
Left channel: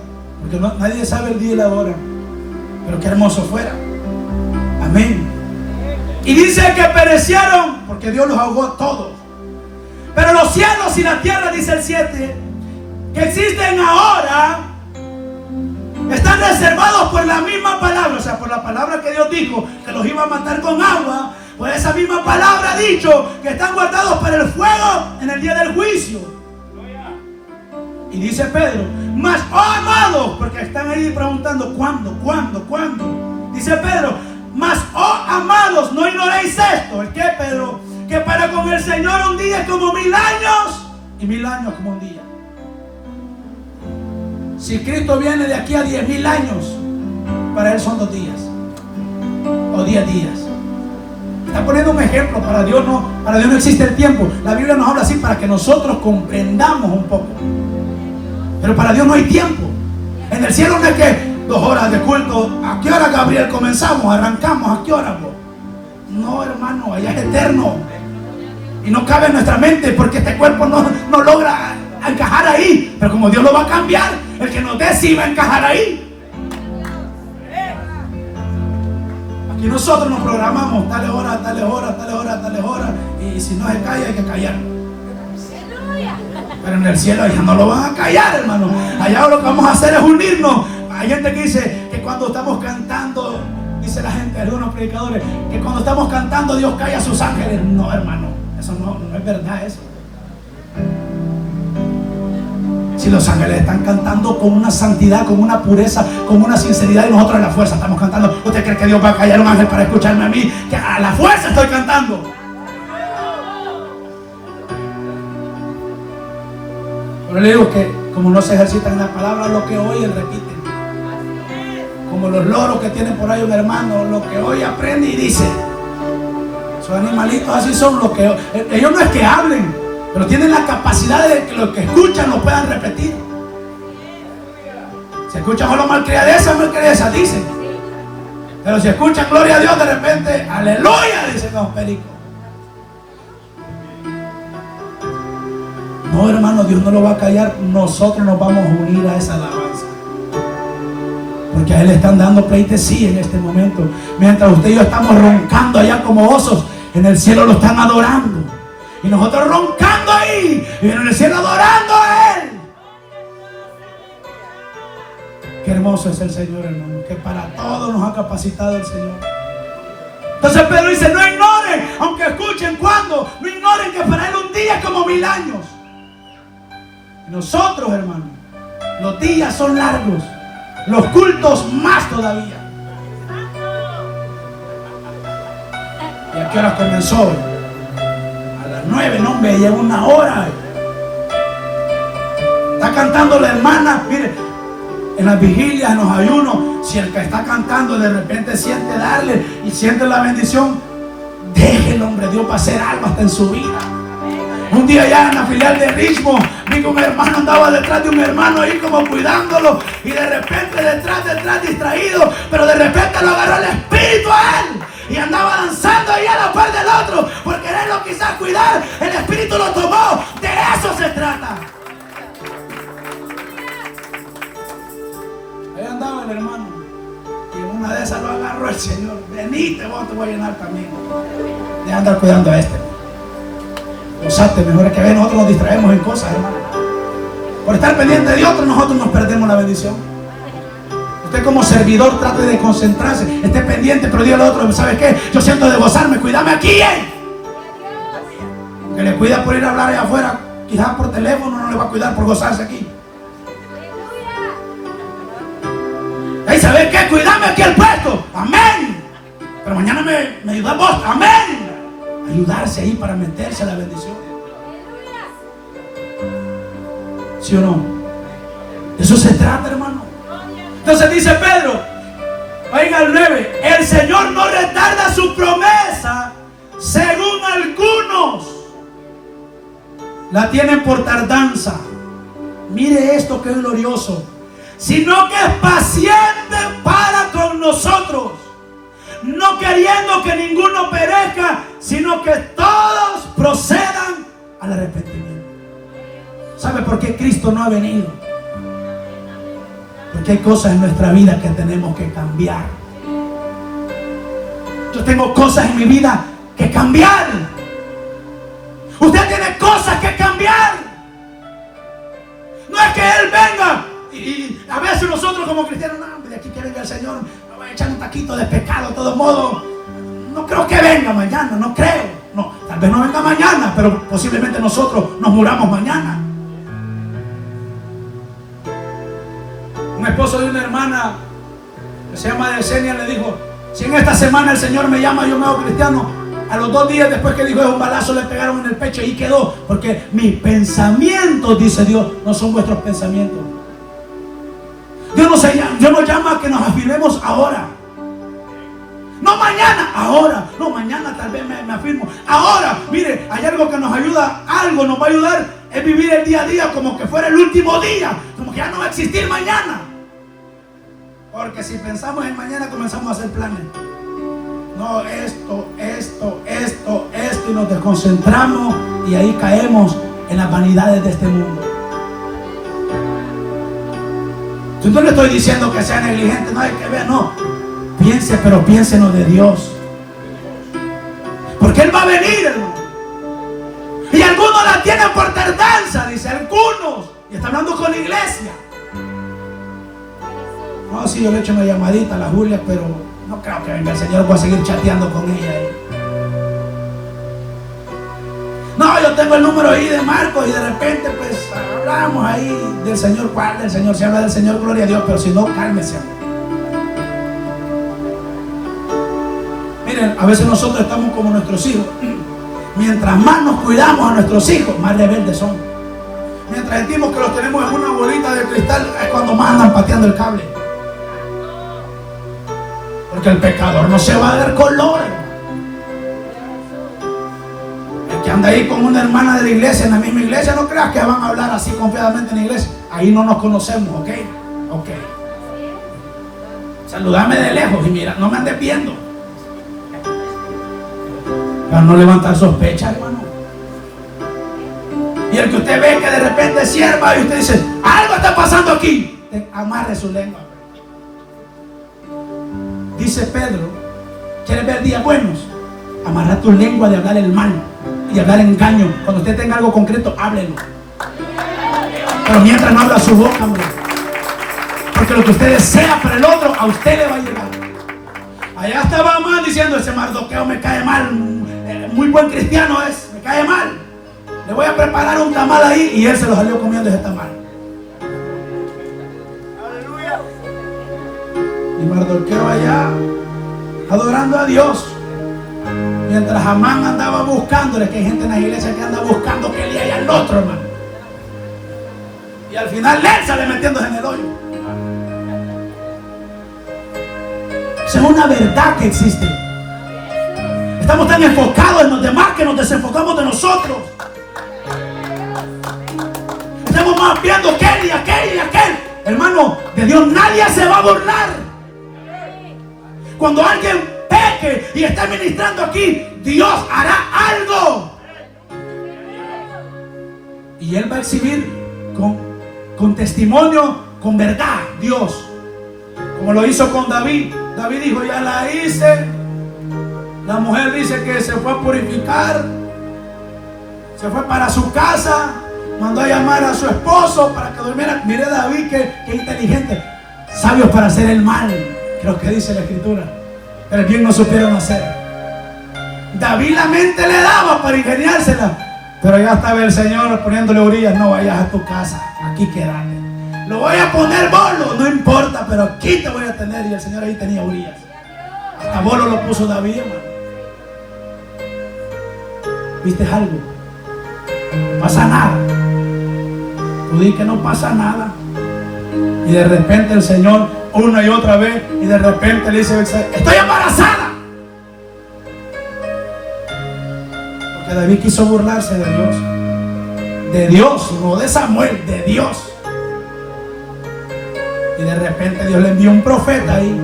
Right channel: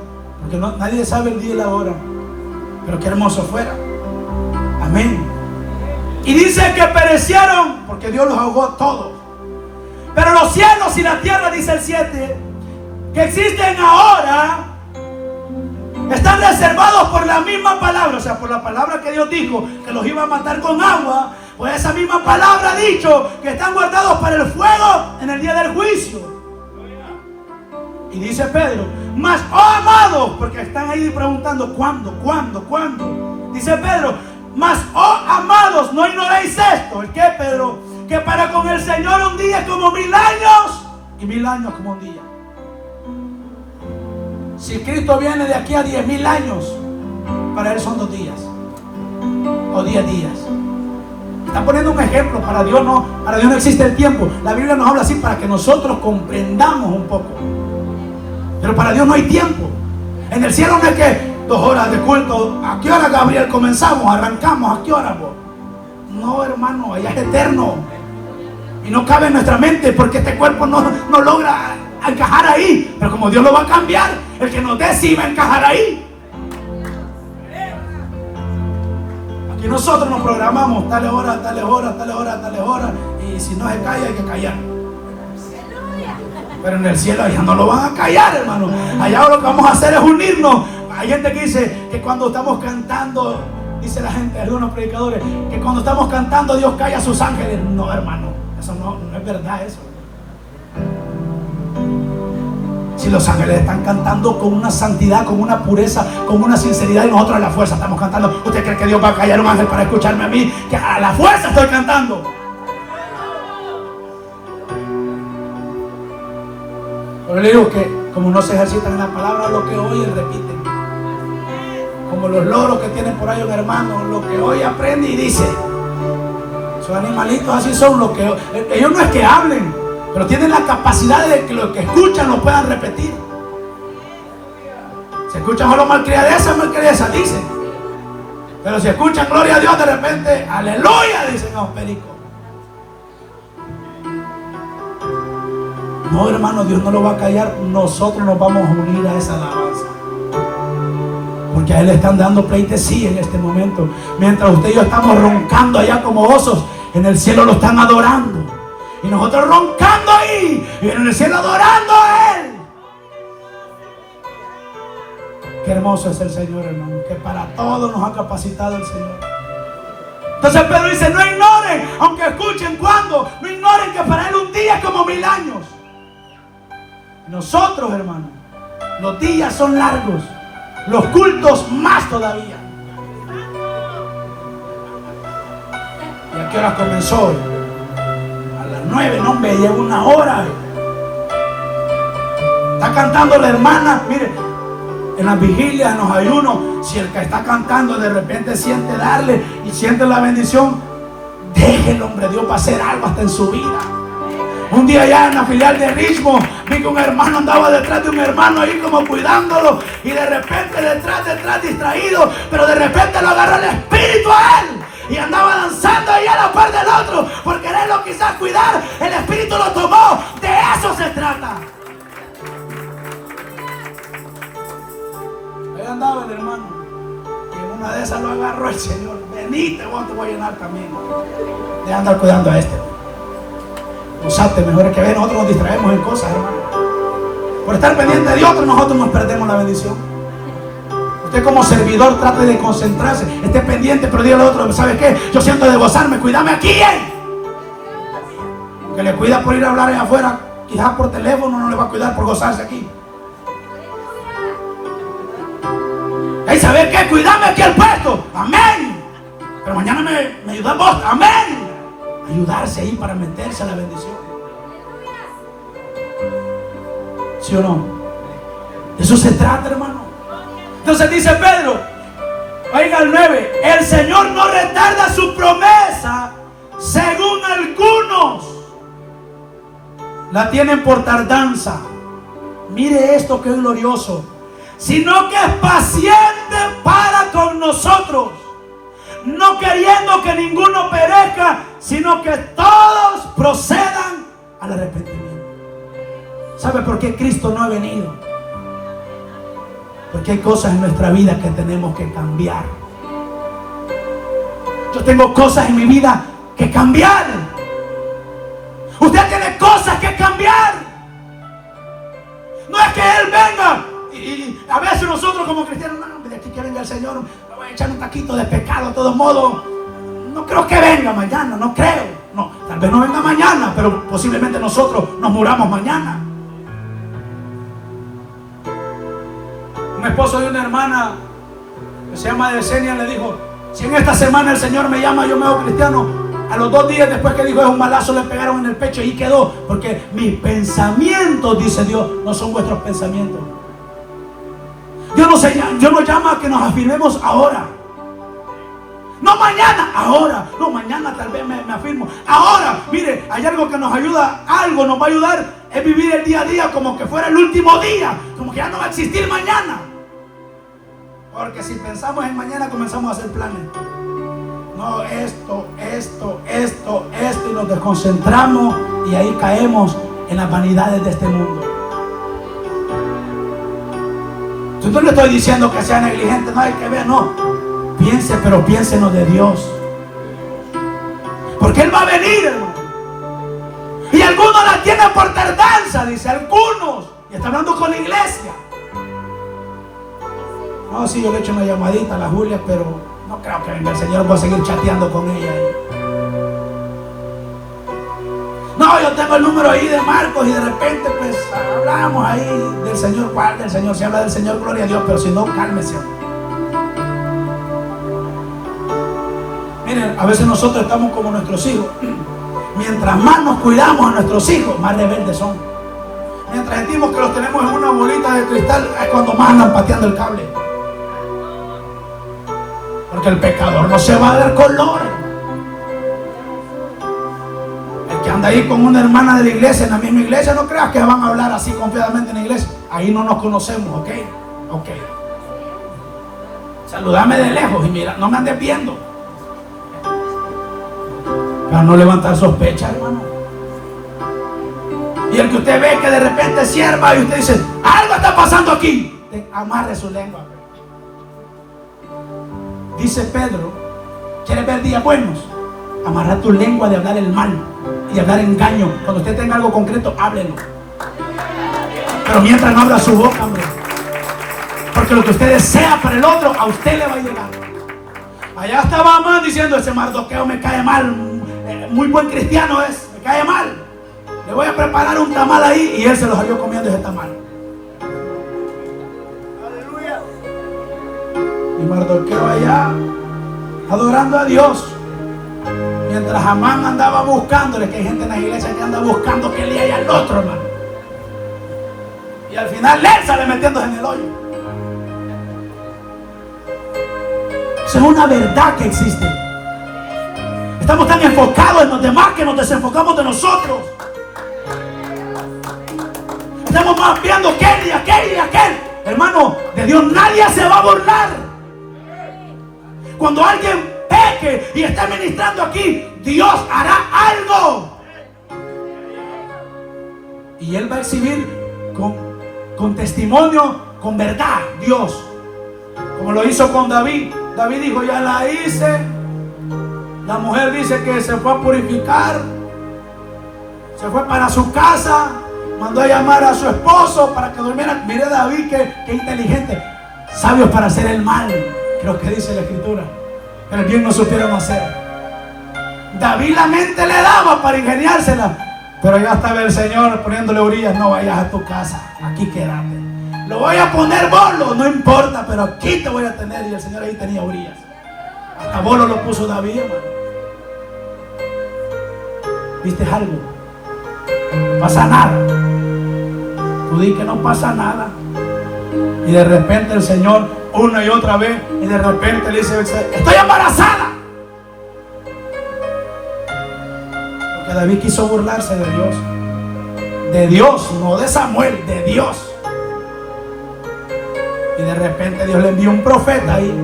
porque nadie sabe el día y la hora, pero qué hermoso fuera. Amén. Y dice que perecieron porque Dios los ahogó todos. Pero los cielos y la tierra, dice el 7, que existen ahora, están reservados por la misma palabra. O sea, por la palabra que Dios dijo que los iba a matar con agua. Por esa misma palabra ha dicho que están guardados para el fuego en el día del juicio. Y dice Pedro: mas, oh amados, porque están ahí preguntando ¿cuándo? Dice Pedro: mas, oh amados, no ignoréis esto. ¿El qué, Pedro? Que para con el Señor un día es como 1000 años y 1000 años como un día. Si Cristo viene de aquí a 10,000 años, para Él son 2 días o 10 días. Está poniendo un ejemplo. Para Dios no existe el tiempo. La Biblia nos habla así para que nosotros comprendamos un poco. Pero para Dios no hay tiempo. En el cielo no es que 2 horas de culto. ¿A qué hora, Gabriel, comenzamos? ¿Arrancamos? ¿A qué hora, vos? No, hermano, allá es eterno. Y no cabe en nuestra mente porque este cuerpo no logra encajar ahí. Pero como Dios lo va a cambiar, el que nos dé sí va a encajar ahí. Aquí nosotros nos programamos tales horas, tales horas, tales horas, tales horas. Y si no se calla, hay que callar. Pero en el cielo allá no lo van a callar, hermano. Allá lo que vamos a hacer es unirnos. Hay gente que dice que cuando estamos cantando, dice la gente, algunos predicadores, que cuando estamos cantando Dios calla a sus ángeles. No, hermano, eso no es verdad eso. Si los ángeles están cantando con una santidad, con una pureza, con una sinceridad, y nosotros a la fuerza estamos cantando. ¿Usted cree que Dios va a callar a un ángel para escucharme a mí? Que a la fuerza estoy cantando. Pero le digo que como no se ejercitan en la palabra, lo que oyen repiten. Como los loros que tienen por ahí un hermano, lo que oye aprende y dice. Esos animalitos así son los que ellos no es que hablen, pero tienen la capacidad de que lo que escuchan lo puedan repetir. Si escuchan solo malcriadeza, dicen. Pero si escuchan gloria a Dios, de repente, aleluya, dicen los pericos. No, hermano, Dios no lo va a callar. Nosotros nos vamos a unir a esa alabanza. Porque a Él le están dando pleitesía en este momento. Mientras usted y yo estamos roncando allá como osos, en el cielo lo están adorando. Y nosotros roncando ahí, y en el cielo adorando a Él. Qué hermoso es el Señor, hermano. Que para todo nos ha capacitado el Señor. Entonces Pedro dice: no ignoren, aunque escuchen cuando, no ignoren que para Él un día es como 1000 años. Nosotros, hermano, los días son largos, los cultos más todavía. ¿Y a qué hora comenzó hoy? A las 9, no, me lleva 1 hora. Está cantando la hermana, mire, en las vigilias, en los ayunos, si el que está cantando de repente siente darle y siente la bendición, déjelo, hombre, Dios va a hacer algo hasta en su vida. Un día allá en la filial de Richmond, vi que un hermano andaba detrás de un hermano ahí como cuidándolo, y de repente detrás distraído, pero de repente lo agarró el espíritu a él y andaba danzando ahí a la par del otro, por quererlo quizás cuidar, el espíritu lo tomó. De eso se trata. Ahí andaba el hermano, y en una de esas lo agarró el Señor. Venite, vos te voy a llenar también. De andar cuidando a este. Gozate, mejor es que nosotros nos distraemos en cosas, hermano. Por estar pendiente de otros, nosotros nos perdemos la bendición. Usted como servidor trate de concentrarse, esté pendiente, pero dígale al otro, ¿sabe qué? Yo siento de gozarme, cuídame aquí, que le cuida por ir a hablar allá afuera, quizás por teléfono, no le va a cuidar por gozarse aquí. ¿Y sabe qué? Cuídame aquí el puesto, amén. Pero mañana me ayuda vos, amén. Ayudarse ahí para meterse a la bendición. ¿Sí o no? De eso se trata, hermano. Entonces dice Pedro, oiga el 9, el Señor no retarda su promesa, según algunos la tienen por tardanza. Mire esto que es glorioso, sino que es paciente para con nosotros, no queriendo que ninguno perezca, sino que todos procedan al arrepentimiento. ¿Sabe por qué Cristo no ha venido? Porque hay cosas en nuestra vida que tenemos que cambiar. Yo tengo cosas en mi vida que cambiar. Usted tiene cosas que cambiar. No es que Él venga y a veces nosotros como cristianos, no, de aquí que venga el Señor, me voy a echar un taquito de pescado de todos modos. No creo que venga mañana, no creo. No, tal vez no venga mañana, pero posiblemente nosotros nos muramos mañana. Un esposo de una hermana que se llama Yesenia le dijo, si en esta semana el Señor me llama, yo me hago cristiano. A los 2 días después que dijo es un balazo, le pegaron en el pecho y quedó. Porque mis pensamientos, dice Dios, no son vuestros pensamientos. Dios nos llama a que nos afirmemos ahora. No mañana, ahora. No, mañana tal vez me afirmo. Ahora, mire, hay algo que nos ayuda, algo nos va a ayudar, es vivir el día a día como que fuera el último día, como que ya no va a existir mañana. Porque si pensamos en mañana comenzamos a hacer planes. No, esto, y nos desconcentramos y ahí caemos en las vanidades de este mundo. Yo no le estoy diciendo que sea negligente, no hay que ver, no. Piense, pero piénsenos de Dios. Porque Él va a venir, hermano. Y algunos la tienen por tardanza, dice, algunos. Y está hablando con la iglesia. No, sí, yo le he hecho una llamadita a la Julia, pero no creo que venga el Señor, voy a seguir chateando con ella. No, yo tengo el número ahí de Marcos y de repente pues hablamos ahí del Señor. ¿Cuál del Señor? Se habla del Señor, gloria a Dios, pero si no, cálmese. Miren, a veces nosotros estamos como nuestros hijos. Mientras más nos cuidamos a nuestros hijos, más rebeldes son. Mientras sentimos que los tenemos en una bolita de cristal, es cuando más andan pateando el cable. Porque el pecador no se va a dar color, hermano. El que anda ahí con una hermana de la iglesia, en la misma iglesia, no creas que van a hablar así confiadamente en la iglesia. Ahí no nos conocemos, ¿ok? Ok. Saludame de lejos y mira, no me andes viendo. Para no levantar sospechas, hermano. Y el que usted ve que de repente sierva y usted dice, algo está pasando aquí, amarre su lengua. Dice Pedro, ¿quieres ver días buenos? Amarra tu lengua de hablar el mal y hablar engaño. Cuando usted tenga algo concreto, háblelo. Pero mientras no abra su boca, hombre. Porque lo que usted desea para el otro, a usted le va a llegar. Allá estaba Amán diciendo, ese Mardoqueo me cae mal, muy buen cristiano es, me cae mal. Le voy a preparar un tamal ahí, y él se lo salió comiendo ese tamal. Aleluya. Y Mardoqueo allá adorando a Dios, mientras Amán andaba buscándole, que hay gente en la iglesia que anda buscando que le haya al otro, hermano. Y al final él sale metiéndose en el hoyo. Esa es una verdad que existe. Estamos tan enfocados en los demás que nos desenfocamos de nosotros. Estamos más viendo aquel y aquel y aquel. Hermano, de Dios nadie se va a burlar. Cuando alguien peca predique y esté ministrando aquí, Dios hará algo. Y Él va a exhibir con testimonio, con verdad, Dios. Como lo hizo con David. David dijo, ya la hice. La mujer dice que se fue a purificar. Se fue para su casa. Mandó a llamar a su esposo para que durmiera. Mire David, que inteligente. Sabios para hacer el mal, creo que dice la escritura. Pero el bien no supieron hacer. David la mente le daba para ingeniársela. Pero ya estaba el Señor poniéndole Urías, no vayas a tu casa, aquí quédate. Lo voy a poner bolo, no importa, pero aquí te voy a tener. Y el Señor ahí tenía Urías. Hasta bolo lo puso David, hermano. ¿Viste algo? No pasa nada. Tú di que no pasa nada. Y de repente el Señor, una y otra vez, y de repente le dice, estoy embarazada. Porque David quiso burlarse de Dios. De Dios, no de Samuel, de Dios. Y de repente Dios le envió un profeta ahí.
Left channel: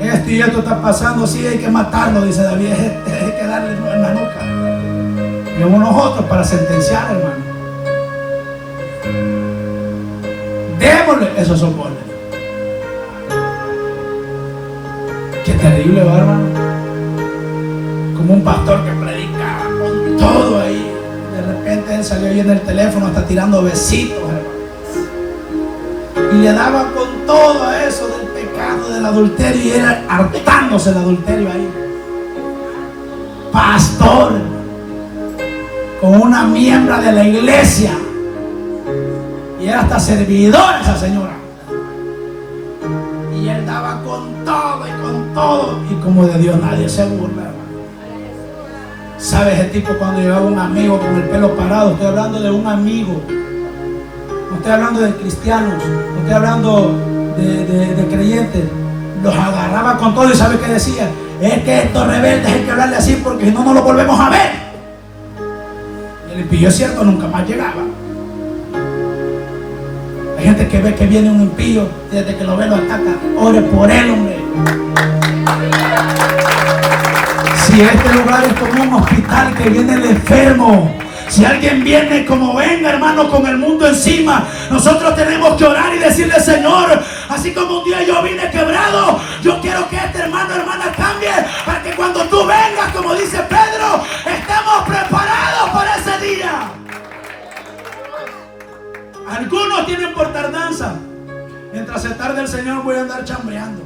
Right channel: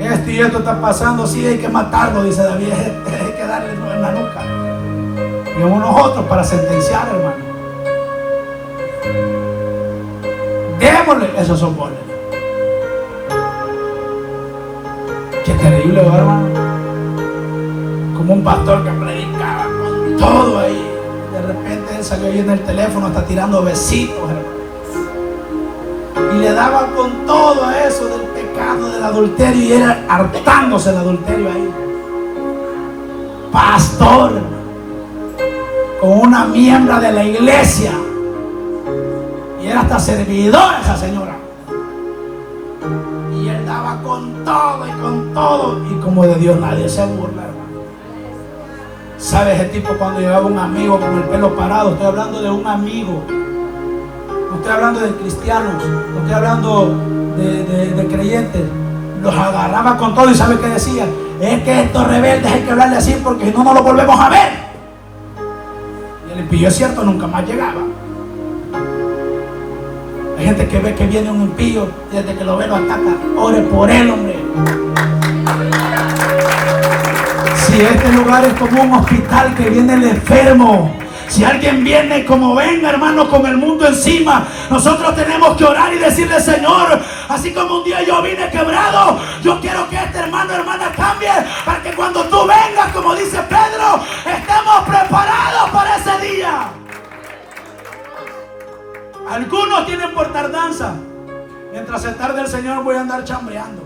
Esto y esto está pasando, sí, hay que matarlo, dice David. Hay que darle en la nuca. Y unos otros para sentenciar, hermano. Démosle, esos son goles. Qué terrible, hermano. Como un pastor que predicaba con todo ahí. De repente él salió ahí en el teléfono, hasta tirando besitos, hermano. Y le daba con todo eso del pecado, del adulterio, y era hartándose el adulterio ahí. Pastor, hermano, con una miembro de la iglesia. Y era hasta servidora esa señora. Y él daba con todo y con todo. Y como de Dios nadie se burla, hermano. ¿Sabe ese tipo cuando llegaba un amigo con el pelo parado? Estoy hablando de un amigo. No estoy hablando de cristianos. No estoy hablando de creyentes. Los agarraba con todo y ¿sabe qué decía? Es que estos rebeldes hay que hablarle así porque si no, no lo volvemos a ver. Y el impío, es cierto, nunca más llegaba. Hay gente que ve que viene un impío y desde que lo ve lo ataca. Ore por él, hombre. Si este lugar es como un hospital que viene el enfermo, si alguien viene como venga, hermano, con el mundo encima, nosotros tenemos que orar y decirle, Señor, así como un día yo vine quebrado, yo quiero que este hermano, hermana cambie, para que cuando tú vengas, como dice Pedro, estemos preparados para ese día. Algunos tienen por tardanza. Mientras se tarde el Señor voy a andar chambeando.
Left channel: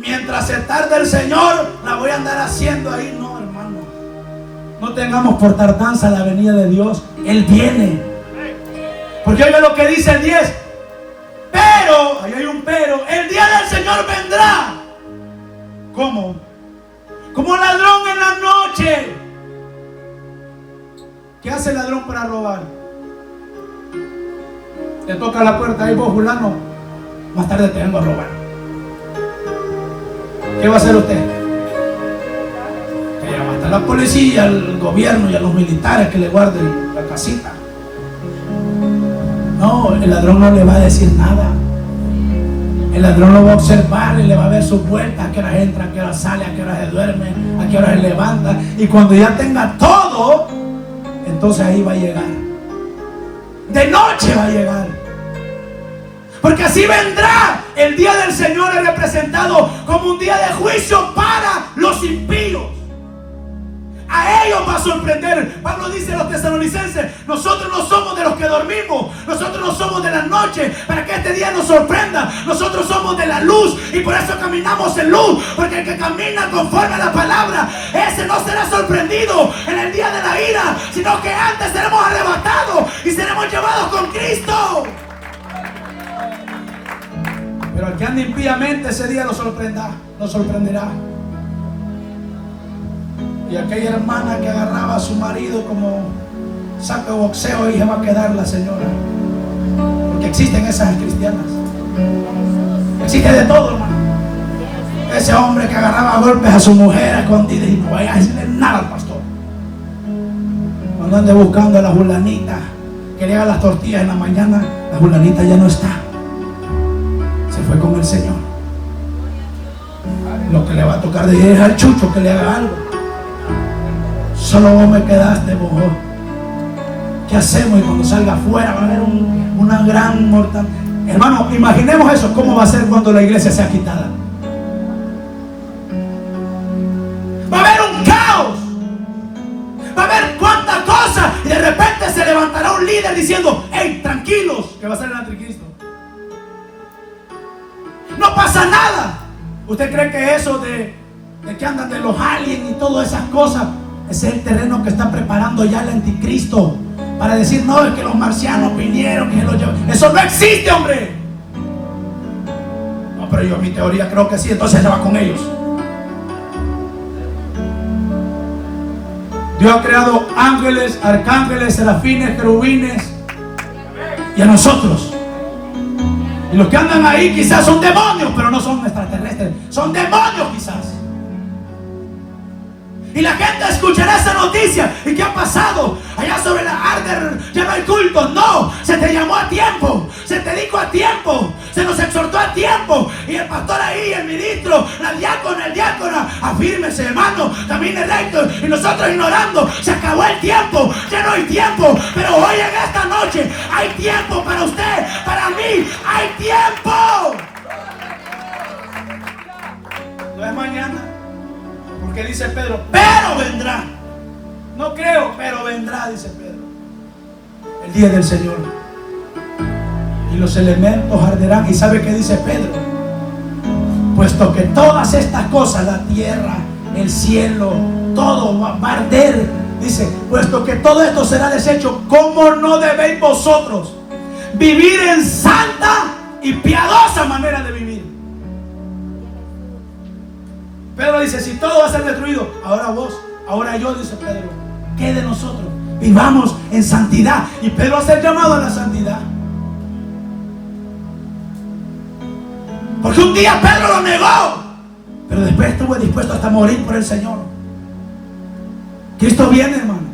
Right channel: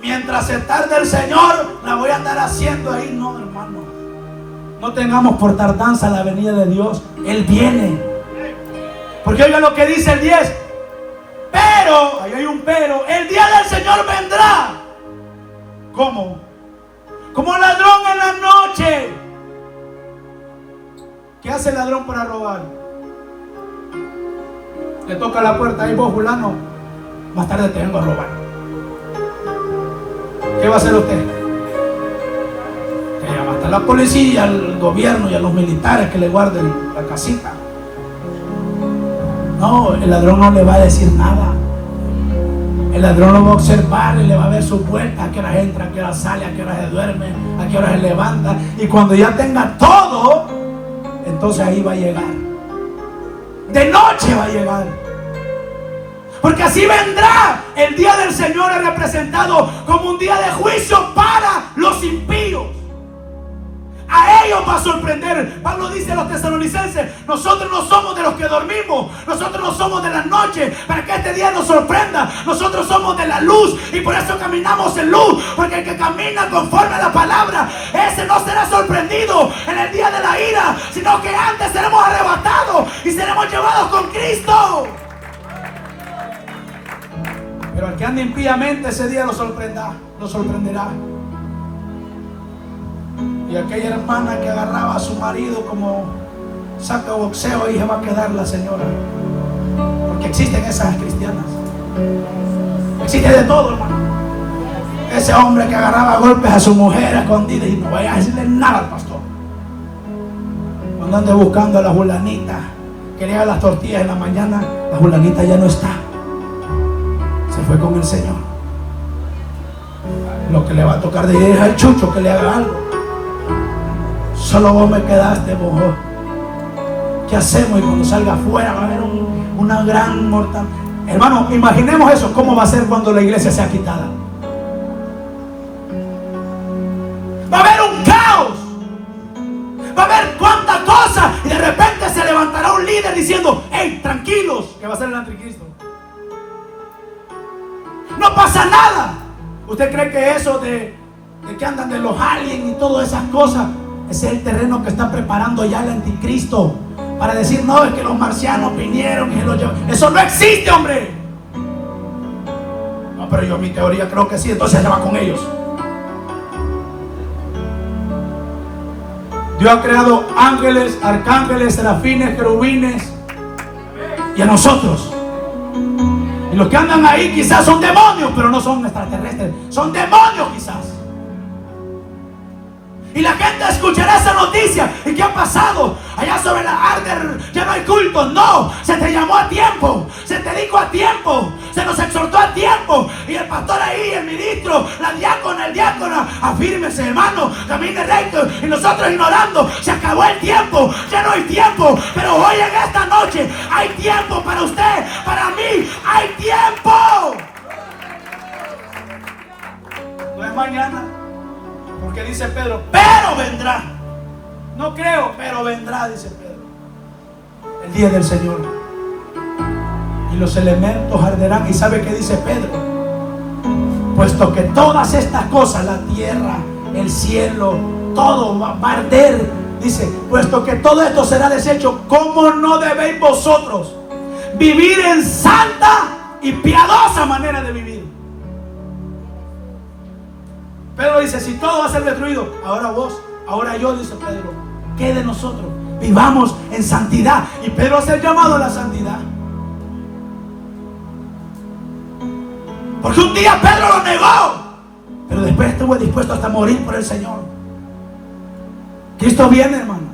Mientras se tarde el Señor la voy a andar haciendo ahí. No, hermano. No tengamos por tardanza la venida de Dios. Él viene. Porque oiga lo que dice el 10. Pero, ahí hay un pero, el día del Señor vendrá. ¿Cómo? Como ladrón en la noche. ¿Qué hace el ladrón para robar? Le toca la puerta, ahí vos, fulano, más tarde te vengo a robar. ¿Qué va a hacer usted? Que llama hasta la policía, al gobierno y a los militares que le guarden la casita. No, el ladrón no le va a decir nada. El ladrón lo va a observar y le va a ver sus vueltas, a qué hora entra, a qué hora sale, a qué hora se duerme, a qué hora se levanta. Y cuando ya tenga todo, entonces ahí va a llegar. De noche va a llegar. Porque así vendrá. El día del Señor es representado como un día de juicio para los impíos. A ellos va a sorprender. Pablo dice a los tesalonicenses: nosotros no somos de los que dormimos, nosotros no somos de la noche, para que este día nos sorprenda. Nosotros somos de la luz y por eso caminamos en luz. Porque el que camina conforme a la palabra, ese no será sorprendido en el día de la ira, sino que antes seremos arrebatados y seremos llevados con Cristo. Pero al que ande impíamente, ese día lo sorprenderá. Y aquella hermana que agarraba a su marido como saco de boxeo, ahí se va a quedar la señora. Porque existen esas cristianas. Existe de todo, hermano. Ese hombre que agarraba a golpes a su mujer escondida y no vaya a decirle nada al pastor. Cuando ande buscando a la fulanita que le haga las tortillas en la mañana, la fulanita ya no está. Se fue con el Señor. Lo que le va a tocar de es al Chucho que le haga algo. Solo vos me quedaste, vos. ¿Qué hacemos? Y cuando salga afuera va a haber una gran mortal. Hermano, imaginemos eso. ¿Cómo va a ser cuando la iglesia sea quitada? Va a haber un caos. Va a haber cuántas cosas. Y de repente se levantará un líder diciendo: hey, tranquilos, que va a ser el anticristo. No pasa nada. ¿Usted cree que eso de que andan de los aliens y todas esas cosas, ese es el terreno que está preparando ya el anticristo? Para decir: no, es que los marcianos vinieron y se los llevaron. Eso no existe, hombre. No, pero yo mi teoría creo que sí, entonces se va con ellos. Dios ha creado ángeles, arcángeles, serafines, querubines, y a nosotros. Y los que andan ahí quizás son demonios, pero no son extraterrestres, son demonios quizás. Y la gente escuchará esa noticia. ¿Y qué ha pasado? Allá sobre la Arder ya no hay culto. No, se te llamó a tiempo, se te dijo a tiempo, se nos exhortó a tiempo. Y el pastor ahí, el ministro, la diácona, el diácono, afírmese, hermano, camine recto. Y nosotros ignorando, se acabó el tiempo, ya no hay tiempo. Pero hoy en esta noche hay tiempo para usted, para mí, hay tiempo. No es mañana. Porque dice Pedro: pero vendrá. No creo, pero vendrá, dice Pedro. El día del Señor. Y los elementos arderán. ¿Y sabe qué dice Pedro? Puesto que todas estas cosas, la tierra, el cielo, todo va a arder. Dice: puesto que todo esto será deshecho, ¿cómo no debéis vosotros vivir en santa y piadosa manera de vivir? Pedro dice: si todo va a ser destruido, ahora vos, ahora yo, dice Pedro, ¿qué de nosotros? Vivamos en santidad. Y Pedro hace el llamado a la santidad. Porque un día Pedro lo negó, pero después estuvo dispuesto hasta morir por el Señor. Cristo viene, hermano.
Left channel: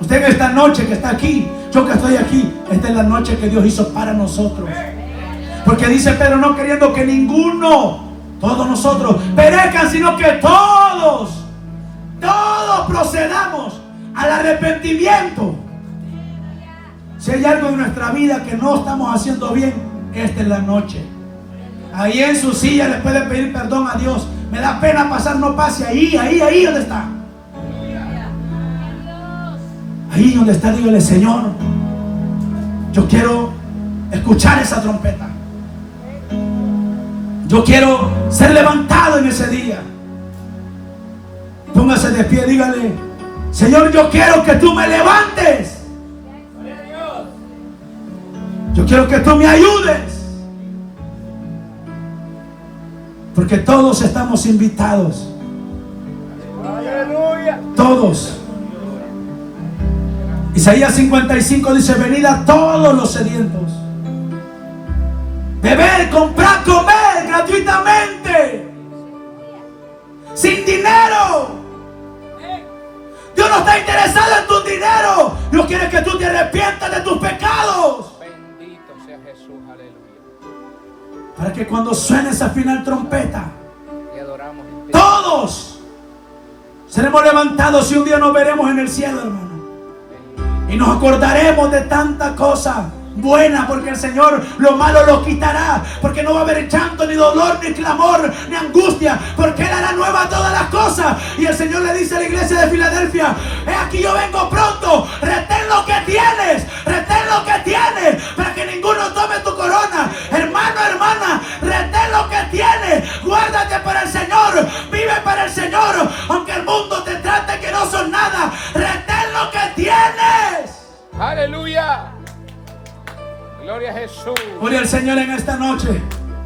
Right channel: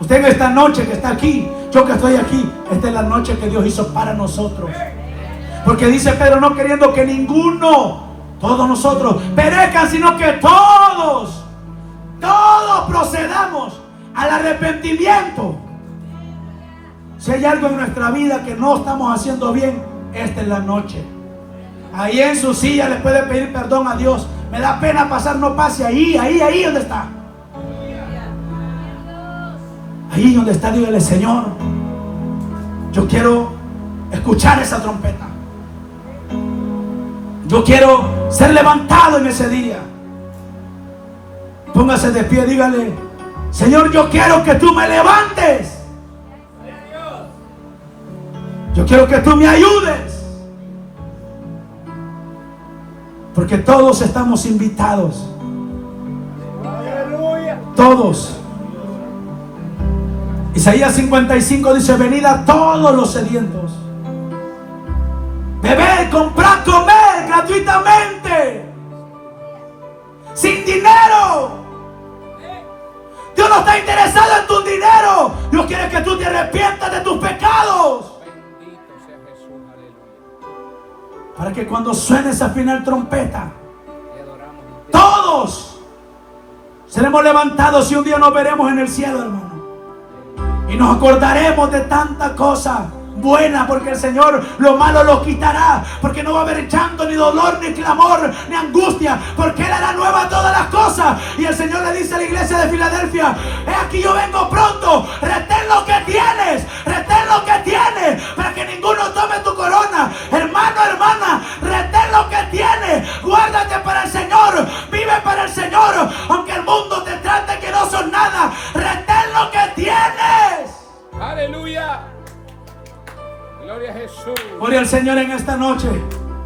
Usted en esta noche que está aquí, yo que estoy aquí, esta es la noche que Dios hizo para nosotros. Porque dice Pedro: no queriendo que ninguno, todos nosotros, perezcan, sino que todos procedamos al arrepentimiento. Si hay algo en nuestra vida que no estamos haciendo bien, esta es la noche. Ahí en su silla le puede pedir perdón a Dios. Me da pena pasar, no pase. Ahí donde está. Ahí donde está, dígale: Señor, yo quiero escuchar esa trompeta. Yo quiero ser levantado en ese día. Póngase de pie, dígale: Señor, yo quiero que tú me levantes. Yo quiero que tú me ayudes. Porque todos estamos invitados. Todos. Isaías 55 dice: venid a todos los sedientos, beber, comprar, comer gratuitamente, sin dinero. Dios no está interesado en tu dinero. Dios quiere que tú te arrepientas de tus pecados. Bendito sea Jesús, aleluya. Para que cuando suene esa final trompeta, Te adoramos, todos seremos levantados y un día nos veremos en el cielo, hermano. Y nos acordaremos de tanta cosa buena, porque el Señor lo malo lo quitará, porque no va a haber llanto, ni dolor, ni clamor, ni angustia, porque Él hará nueva todas las cosas. Y el Señor le dice a la iglesia de Filadelfia: he aquí yo vengo pronto, retén lo que tienes, para que ninguno tome tu corona. Hermano, hermana, retén lo que tienes, guárdate para el Señor, vive para el Señor, aunque el mundo te trate que no son nada, retén lo que tienes. aleluya. Gloria a Jesús. Gloria al Señor en esta noche.